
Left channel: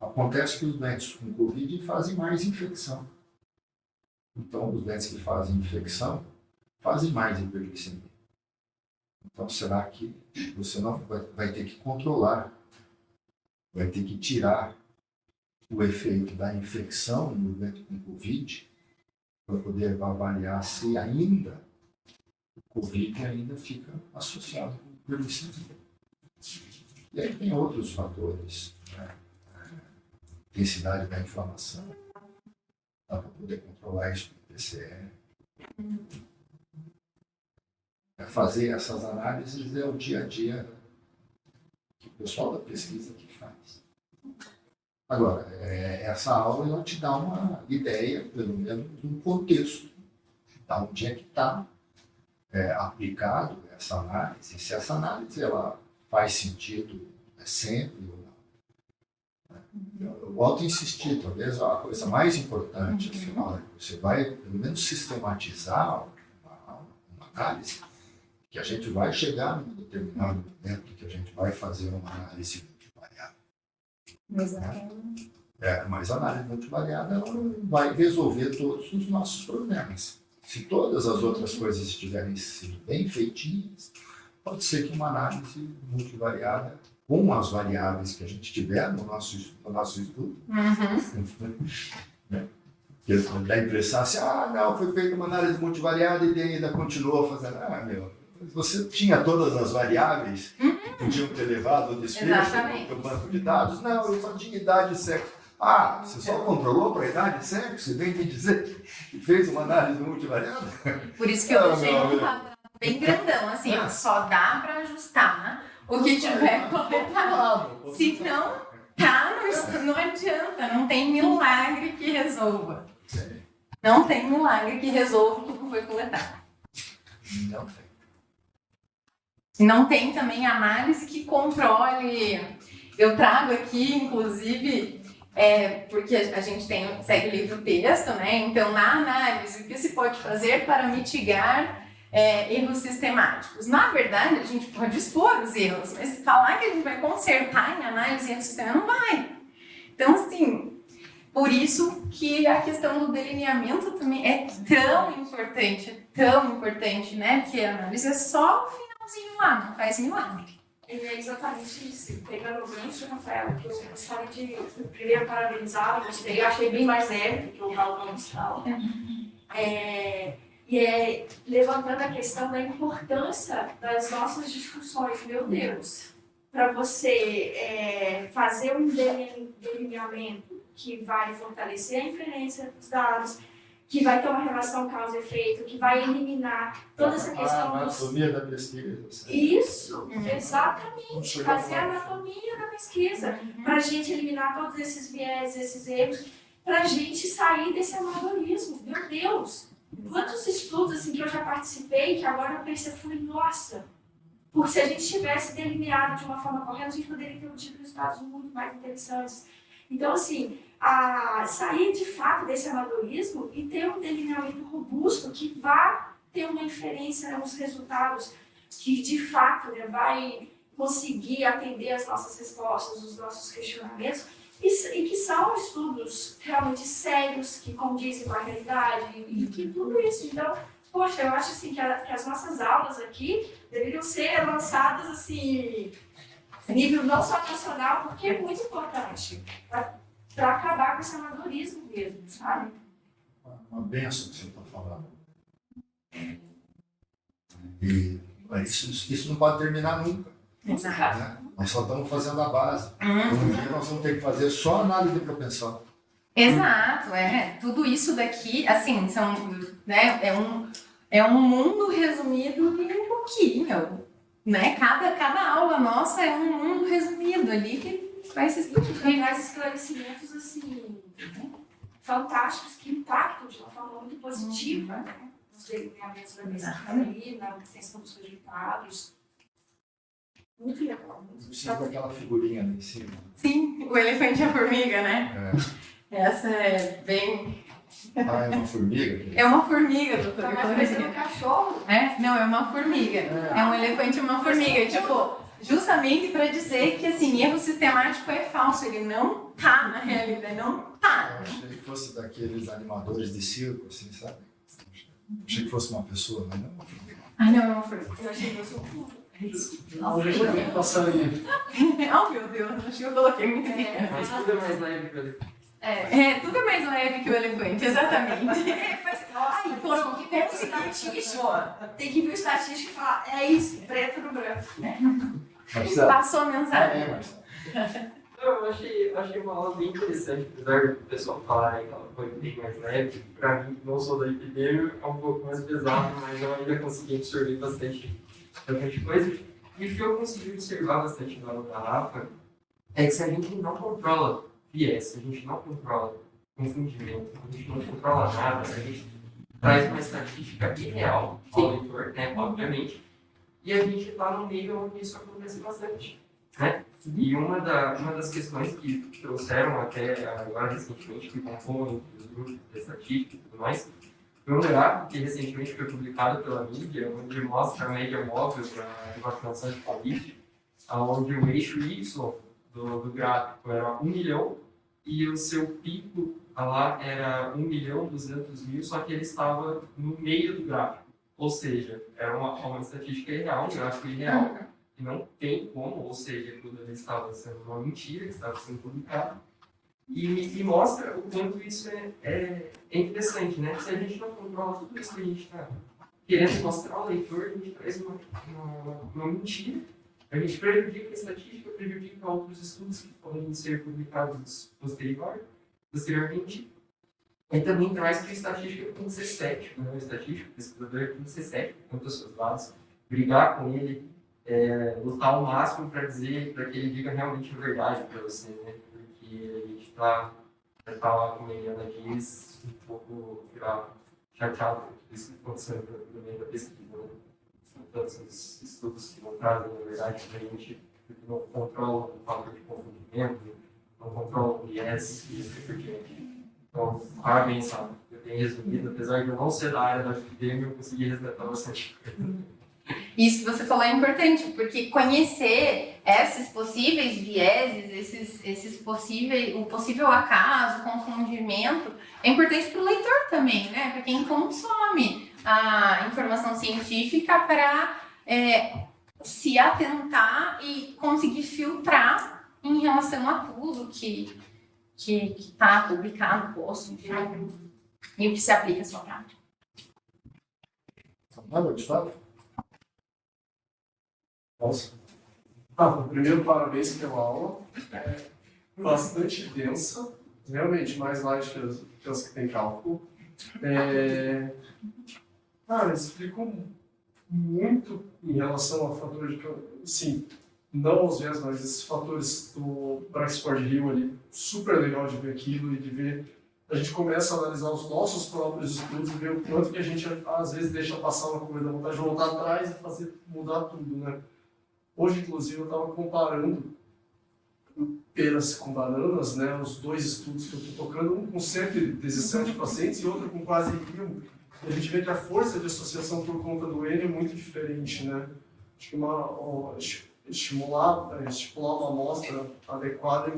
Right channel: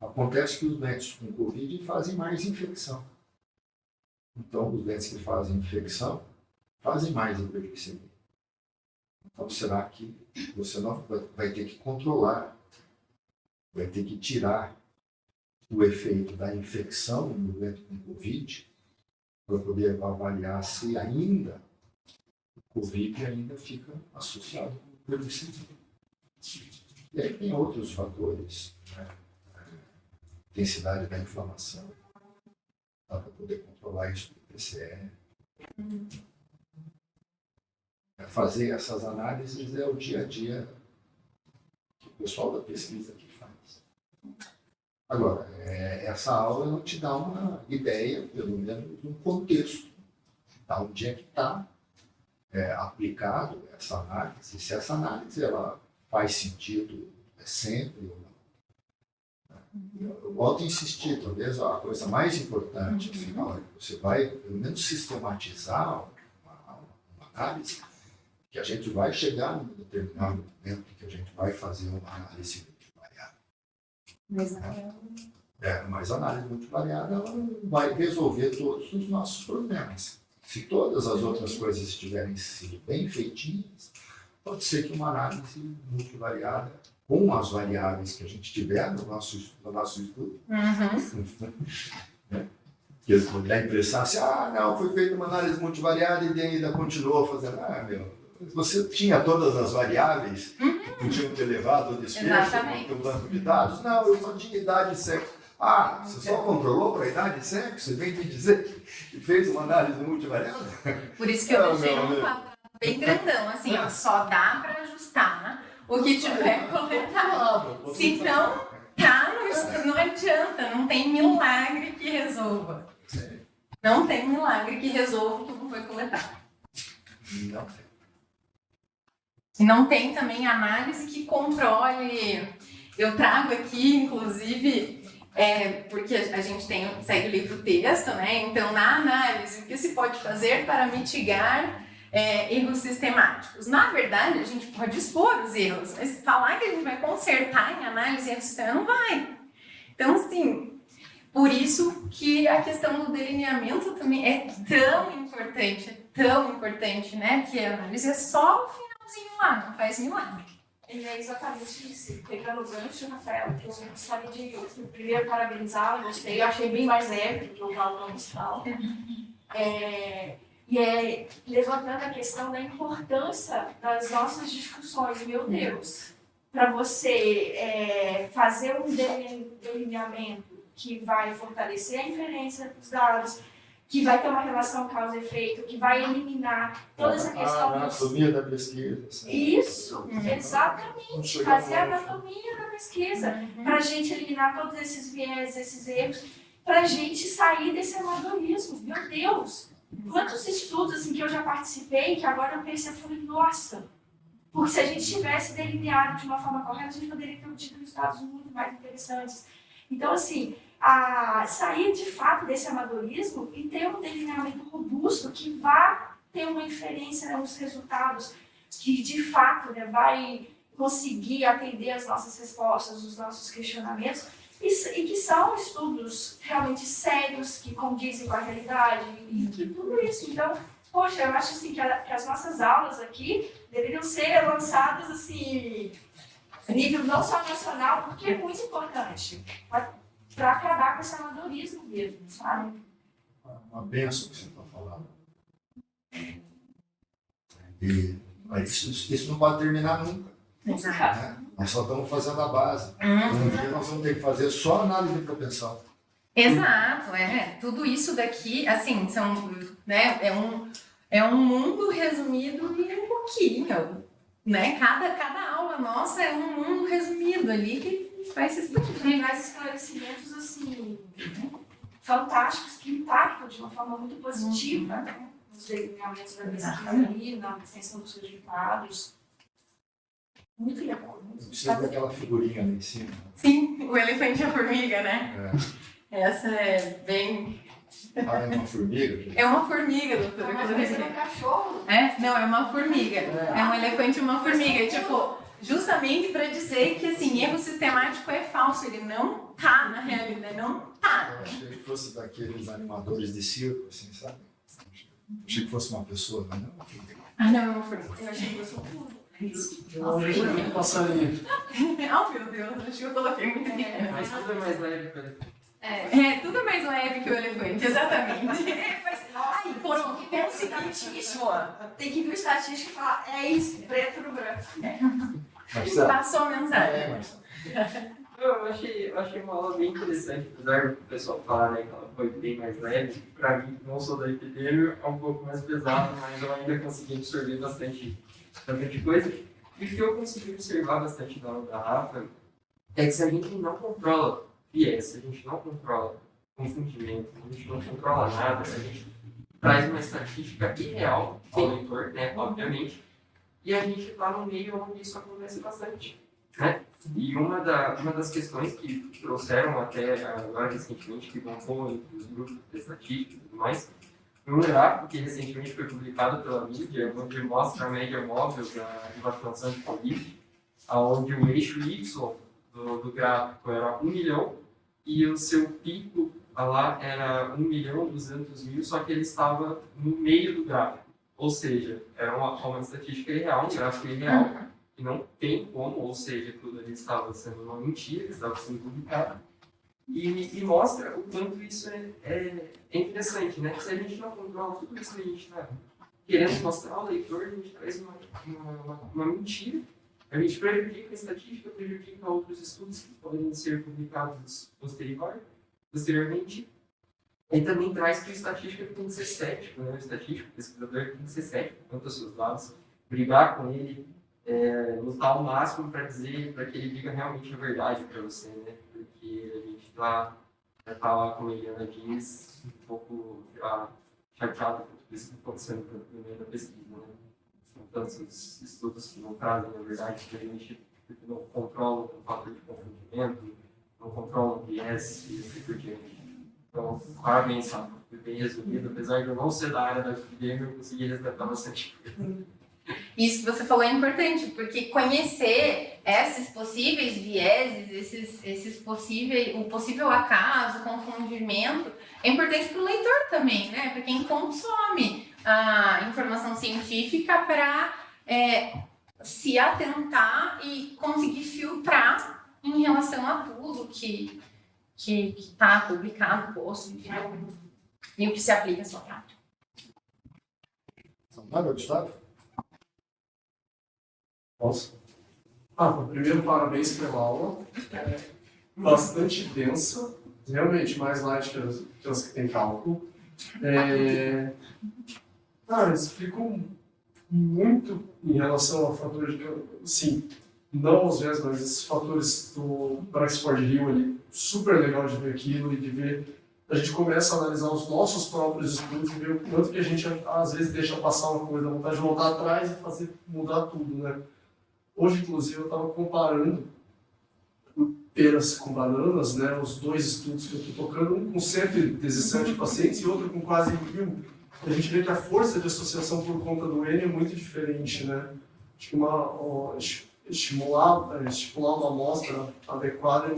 Acontece que os doentes com Covid fazem mais infecção. Então, os doentes que fazem infecção fazem mais hiperglicemia. Então, será que você não vai ter que controlar, vai ter que tirar o efeito da infecção no doente com Covid para poder avaliar se ainda o Covid ainda fica associado com hiperglicemia. E aí tem outros fatores, né? Intensidade da inflamação, dá para poder controlar isso com PCR. Fazer essas análises é o dia a dia que o pessoal da pesquisa aqui faz. Agora, essa aula ela te dá uma ideia, pelo menos, de um contexto, da onde é que está aplicado essa análise, se essa análise ela faz sentido sempre ou não. Eu volto a insistir, talvez a coisa mais importante, afinal, você vai, pelo menos, sistematizar uma análise, que a gente vai chegar num determinado momento que a gente vai fazer uma análise multivariada. Mas a análise multivariada ela não vai resolver todos os nossos problemas. Se todas as outras coisas estiverem sido bem feitinhas, pode ser que uma análise multivariada, com as variáveis que a gente tiver no nosso estudo, que dá a impressão assim, não, foi feita uma análise multivariada e ainda continuou fazendo. Você tinha todas as variáveis que podiam ter levado ao desfecho do banco de dados? Não, eu só tinha idade e sexo. Você só controlou para a idade e sexo e vem me dizer que fez uma análise multivariada? Por isso que eu deixei um quadrado bem grandão, assim, só dá para ajustar o que tiver coletado. Se não, não adianta, não tem milagre que resolva. Não tem milagre que resolva o que não foi coletado. Não tem. Não tem também análise que controle. Eu trago aqui, inclusive, porque a gente segue o livro texto, né? Então, na análise, o que se pode fazer para mitigar erros sistemáticos? Na verdade, a gente pode expor os erros, mas falar que a gente vai consertar em análise erro sistemático não vai. Então, assim, por isso que a questão do delineamento também é tão importante, né? Porque a análise é só o finalzinho lá, não faz milagre. E é exatamente isso. Pegando o gancho, Rafael, que eu gostaria de primeiro parabenizar, eu achei bem mais leve do que o Raul Ramos fala. Levantando a questão da importância das nossas discussões. Meu Deus, para você fazer um delineamento que vai fortalecer a inferência dos dados, que vai ter uma relação causa-efeito, que vai eliminar toda essa questão A anatomia da pesquisa. Isso, exatamente. Fazer a anatomia da pesquisa, para a gente eliminar todos esses viés, esses erros, para a gente sair desse amadorismo. Meu Deus, quantos estudos assim, que eu já participei, que agora eu pensei, nossa, porque se a gente tivesse delineado de uma forma correta, a gente poderia ter obtido resultados muito mais interessantes. Então, assim, sair de fato desse amadorismo e ter um delineamento robusto que vá ter uma inferência nos resultados, que de fato vai conseguir atender as nossas respostas, os nossos questionamentos, e que são estudos realmente sérios, que condizem com a realidade, e que tudo isso. Então, poxa, eu acho assim, que as nossas aulas aqui deveriam ser lançadas assim, a nível não só nacional, porque é muito importante para acabar com esse amadorismo mesmo, sabe? Uma benção que você está falando. E isso não pode terminar nunca. Né? Nós só estamos fazendo a base. Um dia nós vamos ter que fazer só análise de propensão. Exato, tudo isso daqui, assim, é um mundo resumido em um pouquinho, né? Cada aula nossa é um mundo resumido ali que vai se explicar. Tem mais esclarecimentos assim, fantásticos, que impactam de uma forma muito positiva, né? Os delineamentos da pesquisa ali, na extensão dos resultados. Muito legal. Precisa daquela figurinha ali em cima. Sim, o elefante e a formiga, né? Essa é bem... É uma formiga? É uma formiga, doutora. Mas parecendo um cachorro. Não, é uma formiga. É um elefante e uma formiga. Tipo, justamente para dizer que, assim, erro sistemático é falso. Ele não tá na realidade, não tá. Eu achei que fosse daqueles animadores de circo, assim, sabe? Achei que fosse uma pessoa, mas não uma formiga. Não, é uma formiga. Eu achei que fosse um pulo. Não, deixa eu passar aí. Oh, meu Deus, acho que eu coloquei muito bem. Mas tudo é mais leve para ele. Tudo é mais leve que o elefante, exatamente. Ai, foram estatística. Tem que ver o estatístico e falar, é isso, preto no branco. Marcelo. Passou a mensagem. Marcelo. Eu achei uma aula bem interessante, apesar do pessoal falar que ela foi bem mais leve. Para mim, não sou da epidemia, é um pouco mais pesado, mas eu ainda consegui absorver bastante coisa. E o que eu consegui observar bastante da aula da Rafa é que se a gente não controla viés, se a gente não controla confundimento, se a gente não controla nada, se a gente traz uma estatística irreal ao leitor, né, obviamente, e a gente está no meio onde isso acontece bastante, né? E uma das questões que trouxeram até agora recentemente, que compõem os grupos de estatística e tudo mais, Foi um gráfico que recentemente foi publicado pela mídia, onde mostra a média móvel da vacinação de Covid, onde o eixo Y do gráfico era 1 milhão e o seu pico lá era 1.200.000, só que ele estava no meio do gráfico. Ou seja, era uma estatística irreal, um gráfico irreal, que não tem como, ou seja, tudo ali estava sendo uma mentira, que estava sendo publicado. E mostra o quanto isso é interessante, né? Se a gente não controla tudo isso que a gente está querendo mostrar ao leitor, a gente traz uma mentira. A gente prejudica a estatística, prejudica outros estudos que podem ser publicados posteriormente. E também traz que o estatístico tem que ser cético, né? O estatístico, o pesquisador tem que ser cético quanto aos seus dados, brigar com ele, lutar ao máximo para que ele diga realmente a verdade para você, né? Porque a gente está lá, como a Eliana diz, um pouco chateado com tudo isso que está acontecendo no meio da pesquisa, né? São tantos estudos que não trazem a verdade, que a gente não controla o fator de confundimento, não controla o viés e assim por diante. Então, parabéns, sabe? Eu tenho resumido, apesar de eu não ser da área da epidemia, eu consegui resgatar bastante coisa. Isso que você falou é importante, porque conhecer esses possíveis vieses, o possível acaso, confundimento, é importante para o leitor também, né? Para quem consome a informação científica para se atentar e conseguir filtrar em relação a tudo que está publicado, posto, enfim, e o que se aplica à sua prática. Nada, Gustavo? Posso? Primeiro, parabéns pela aula. Bastante densa, realmente mais light que as que tem cálculo. Explicou muito em relação ao fator de... Sim, não os mesmos, mas esses fatores do Braxford Hill ali, super legal de ver aquilo e de ver... A gente começa a analisar os nossos próprios estudos e ver o quanto que a gente, às vezes, deixa passar uma coisa, dá vontade de voltar atrás e mudar tudo, né? Hoje, inclusive, eu estava comparando peras com bananas, né? Os dois estudos que eu estou tocando, um com 117 pacientes e outro com quase 1.000. A gente vê que a força de associação por conta do N é muito diferente, né? Acho que estipular uma amostra adequada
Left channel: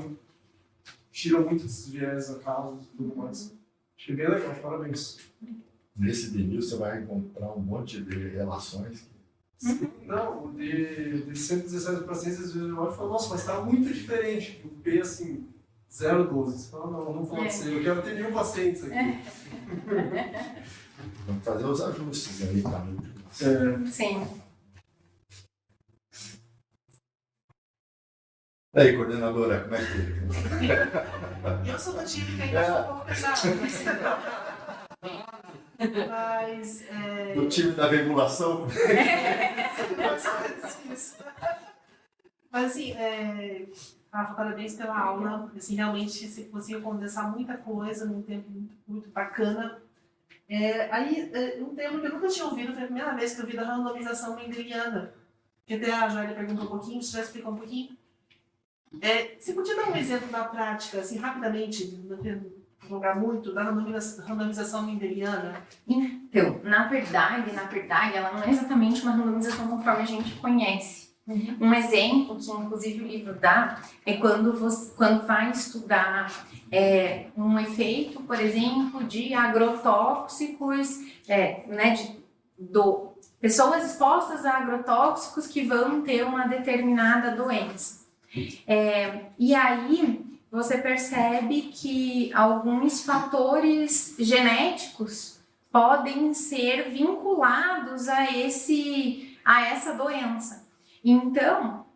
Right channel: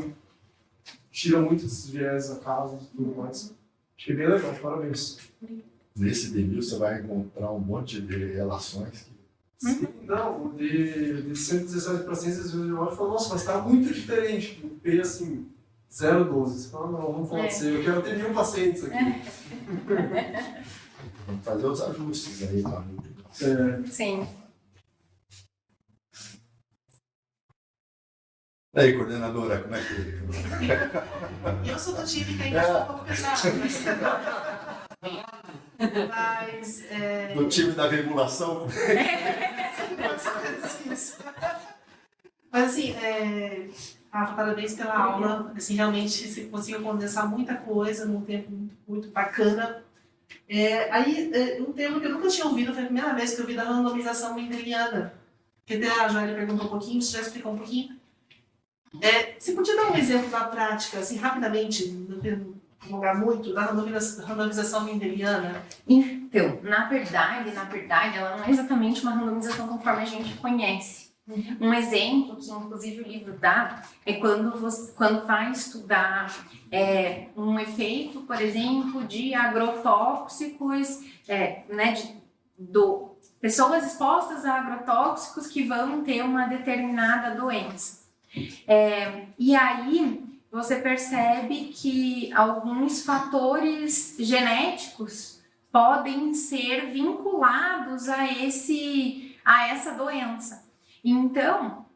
tira muito desses viés acasos e tudo mais. Achei bem legal, parabéns. Nesse DNIL você vai encontrar um monte de relações. Sim, não, o de 117 pacientes, às vezes eu olho e falo, nossa, mas está muito diferente. O P, assim, 0,12. Você fala, não pode ser, eu quero ter 1.000 pacientes aqui. Vamos fazer os ajustes aí para Sim. E aí, coordenadora, como é que Eu sou do time que ainda estou um pouco pesado. Mas. do time da regulação? Mas assim, Rafa, parabéns pela aula. Assim, realmente você conseguiu condensar muita coisa num tempo muito bacana. Um termo que eu nunca tinha ouvido, foi a primeira vez que eu vi da randomização mendeliana. Que até a Joelle perguntou um pouquinho, você já explicou um pouquinho. Você podia dar um exemplo da prática, assim, rapidamente, não prolongar muito, da randomização mendeliana? Então, na verdade, ela não é exatamente uma randomização conforme a gente conhece. Um exemplo que, inclusive, o livro dá é quando vai estudar um efeito, por exemplo, de agrotóxicos, pessoas expostas a agrotóxicos que vão ter uma determinada doença. E aí você percebe que alguns fatores genéticos podem ser vinculados a essa doença. Então,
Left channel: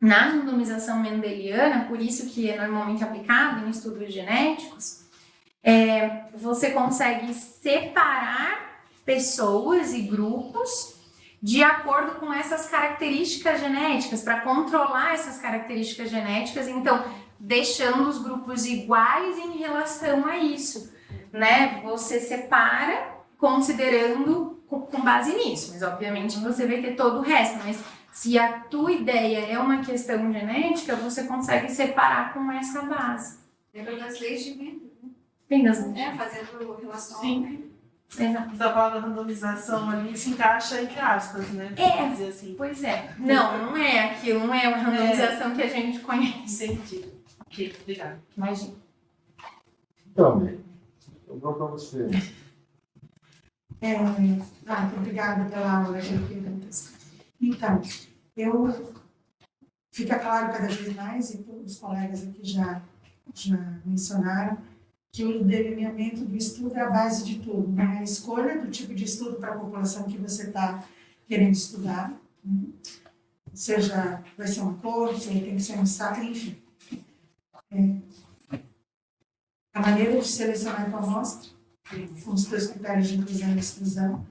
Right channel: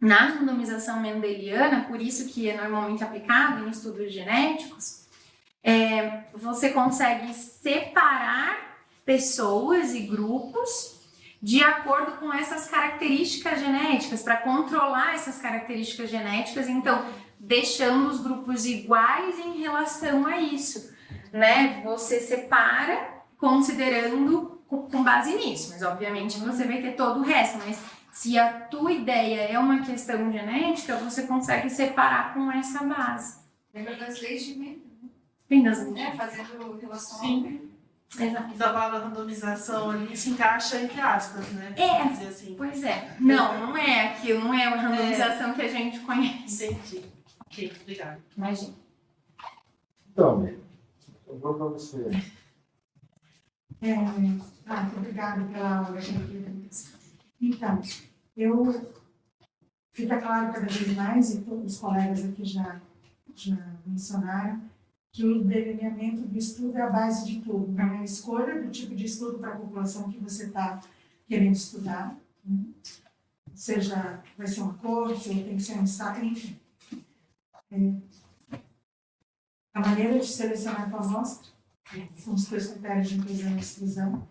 na randomização mendeliana, por isso que é normalmente aplicado em estudos genéticos, você consegue separar pessoas e grupos de acordo com essas características genéticas, para controlar essas características genéticas, então, deixando os grupos iguais em relação a isso, né? Você separa considerando com base nisso, mas obviamente você vai ter todo o resto, mas se a tua ideia é uma questão genética, você consegue separar com essa base. Lembra das leis de Mendel, Bem das né? Fazendo relação. Sim. Exato. Então a palavra randomização ali se encaixa entre aspas, né? É. Vamos dizer assim. Pois é. Não é aquilo, não é a randomização que a gente conhece. Entendi. Ok, obrigada. Imagina. Então, eu vou para você. Muito obrigada pela aula, perguntas. Então, fica claro cada vez mais, e todos os colegas aqui já mencionaram, que o delineamento do estudo é a base de tudo, né? A escolha do tipo de estudo para a população que você está querendo estudar, né? Seja, vai ser uma corte, ou tem que ser um ensaio, enfim. A maneira de selecionar a tua amostra, são os teus critérios de inclusão e exclusão,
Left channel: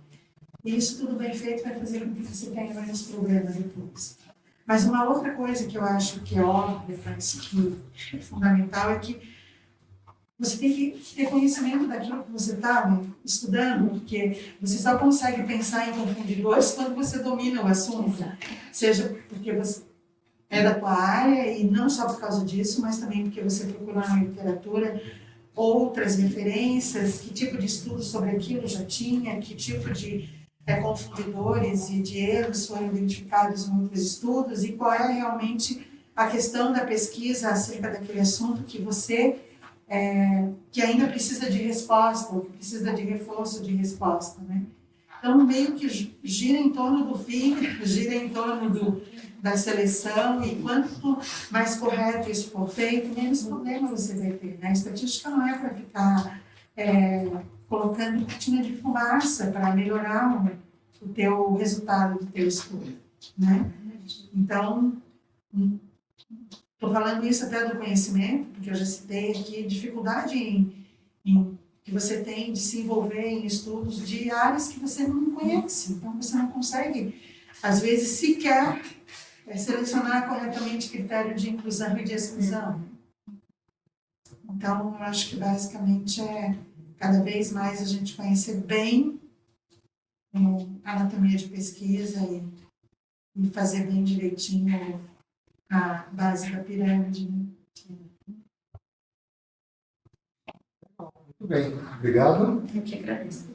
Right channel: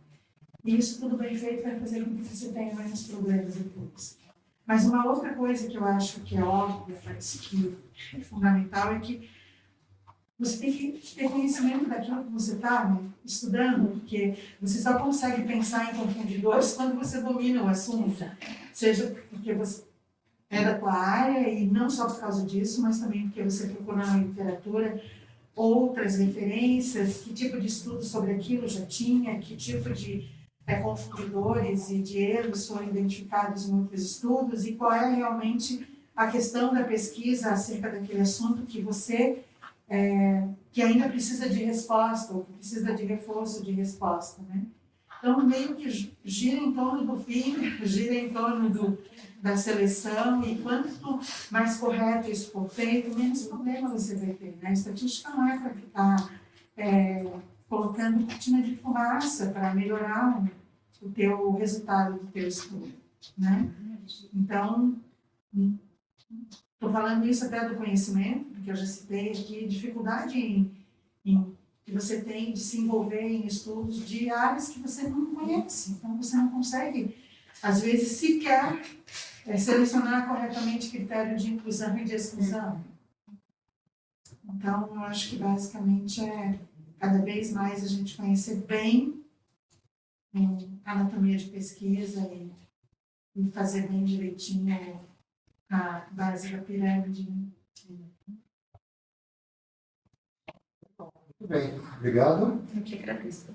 e isso tudo bem feito vai fazer com que você tenha menos problemas depois. Mas uma outra coisa que eu acho que é óbvia, mas que é fundamental, é que você tem que ter conhecimento daquilo que você está estudando, porque você só consegue pensar em confundidores quando você domina o assunto. Seja porque você é da tua área, e não só por causa disso, mas também porque você procura na literatura outras referências, que tipo de estudo sobre aquilo já tinha, que tipo de confundidores e de erros foram identificados em outros estudos, e qual é realmente a questão da pesquisa acerca daquele assunto que você que ainda precisa de resposta, ou que precisa de reforço de resposta, né? Então, meio que gira em torno do fim, gira em torno da seleção, e quanto mais correto isso for feito, menos problema você vai ter, né? A estatística não é para ficar colocando cortina de fumaça para melhorar o teu resultado do teu estudo, né? Então, estou falando isso até do conhecimento, porque eu já citei aqui dificuldade que você tem de se envolver em estudos de áreas que você não conhece. Então, você não consegue, às vezes, sequer selecionar corretamente critério de inclusão e de exclusão. Então, eu acho que, basicamente, cada vez mais a gente conhecer bem a anatomia de pesquisa e fazer bem direitinho a base da pirâmide, né? Muito bem, obrigado. Eu que agradeço.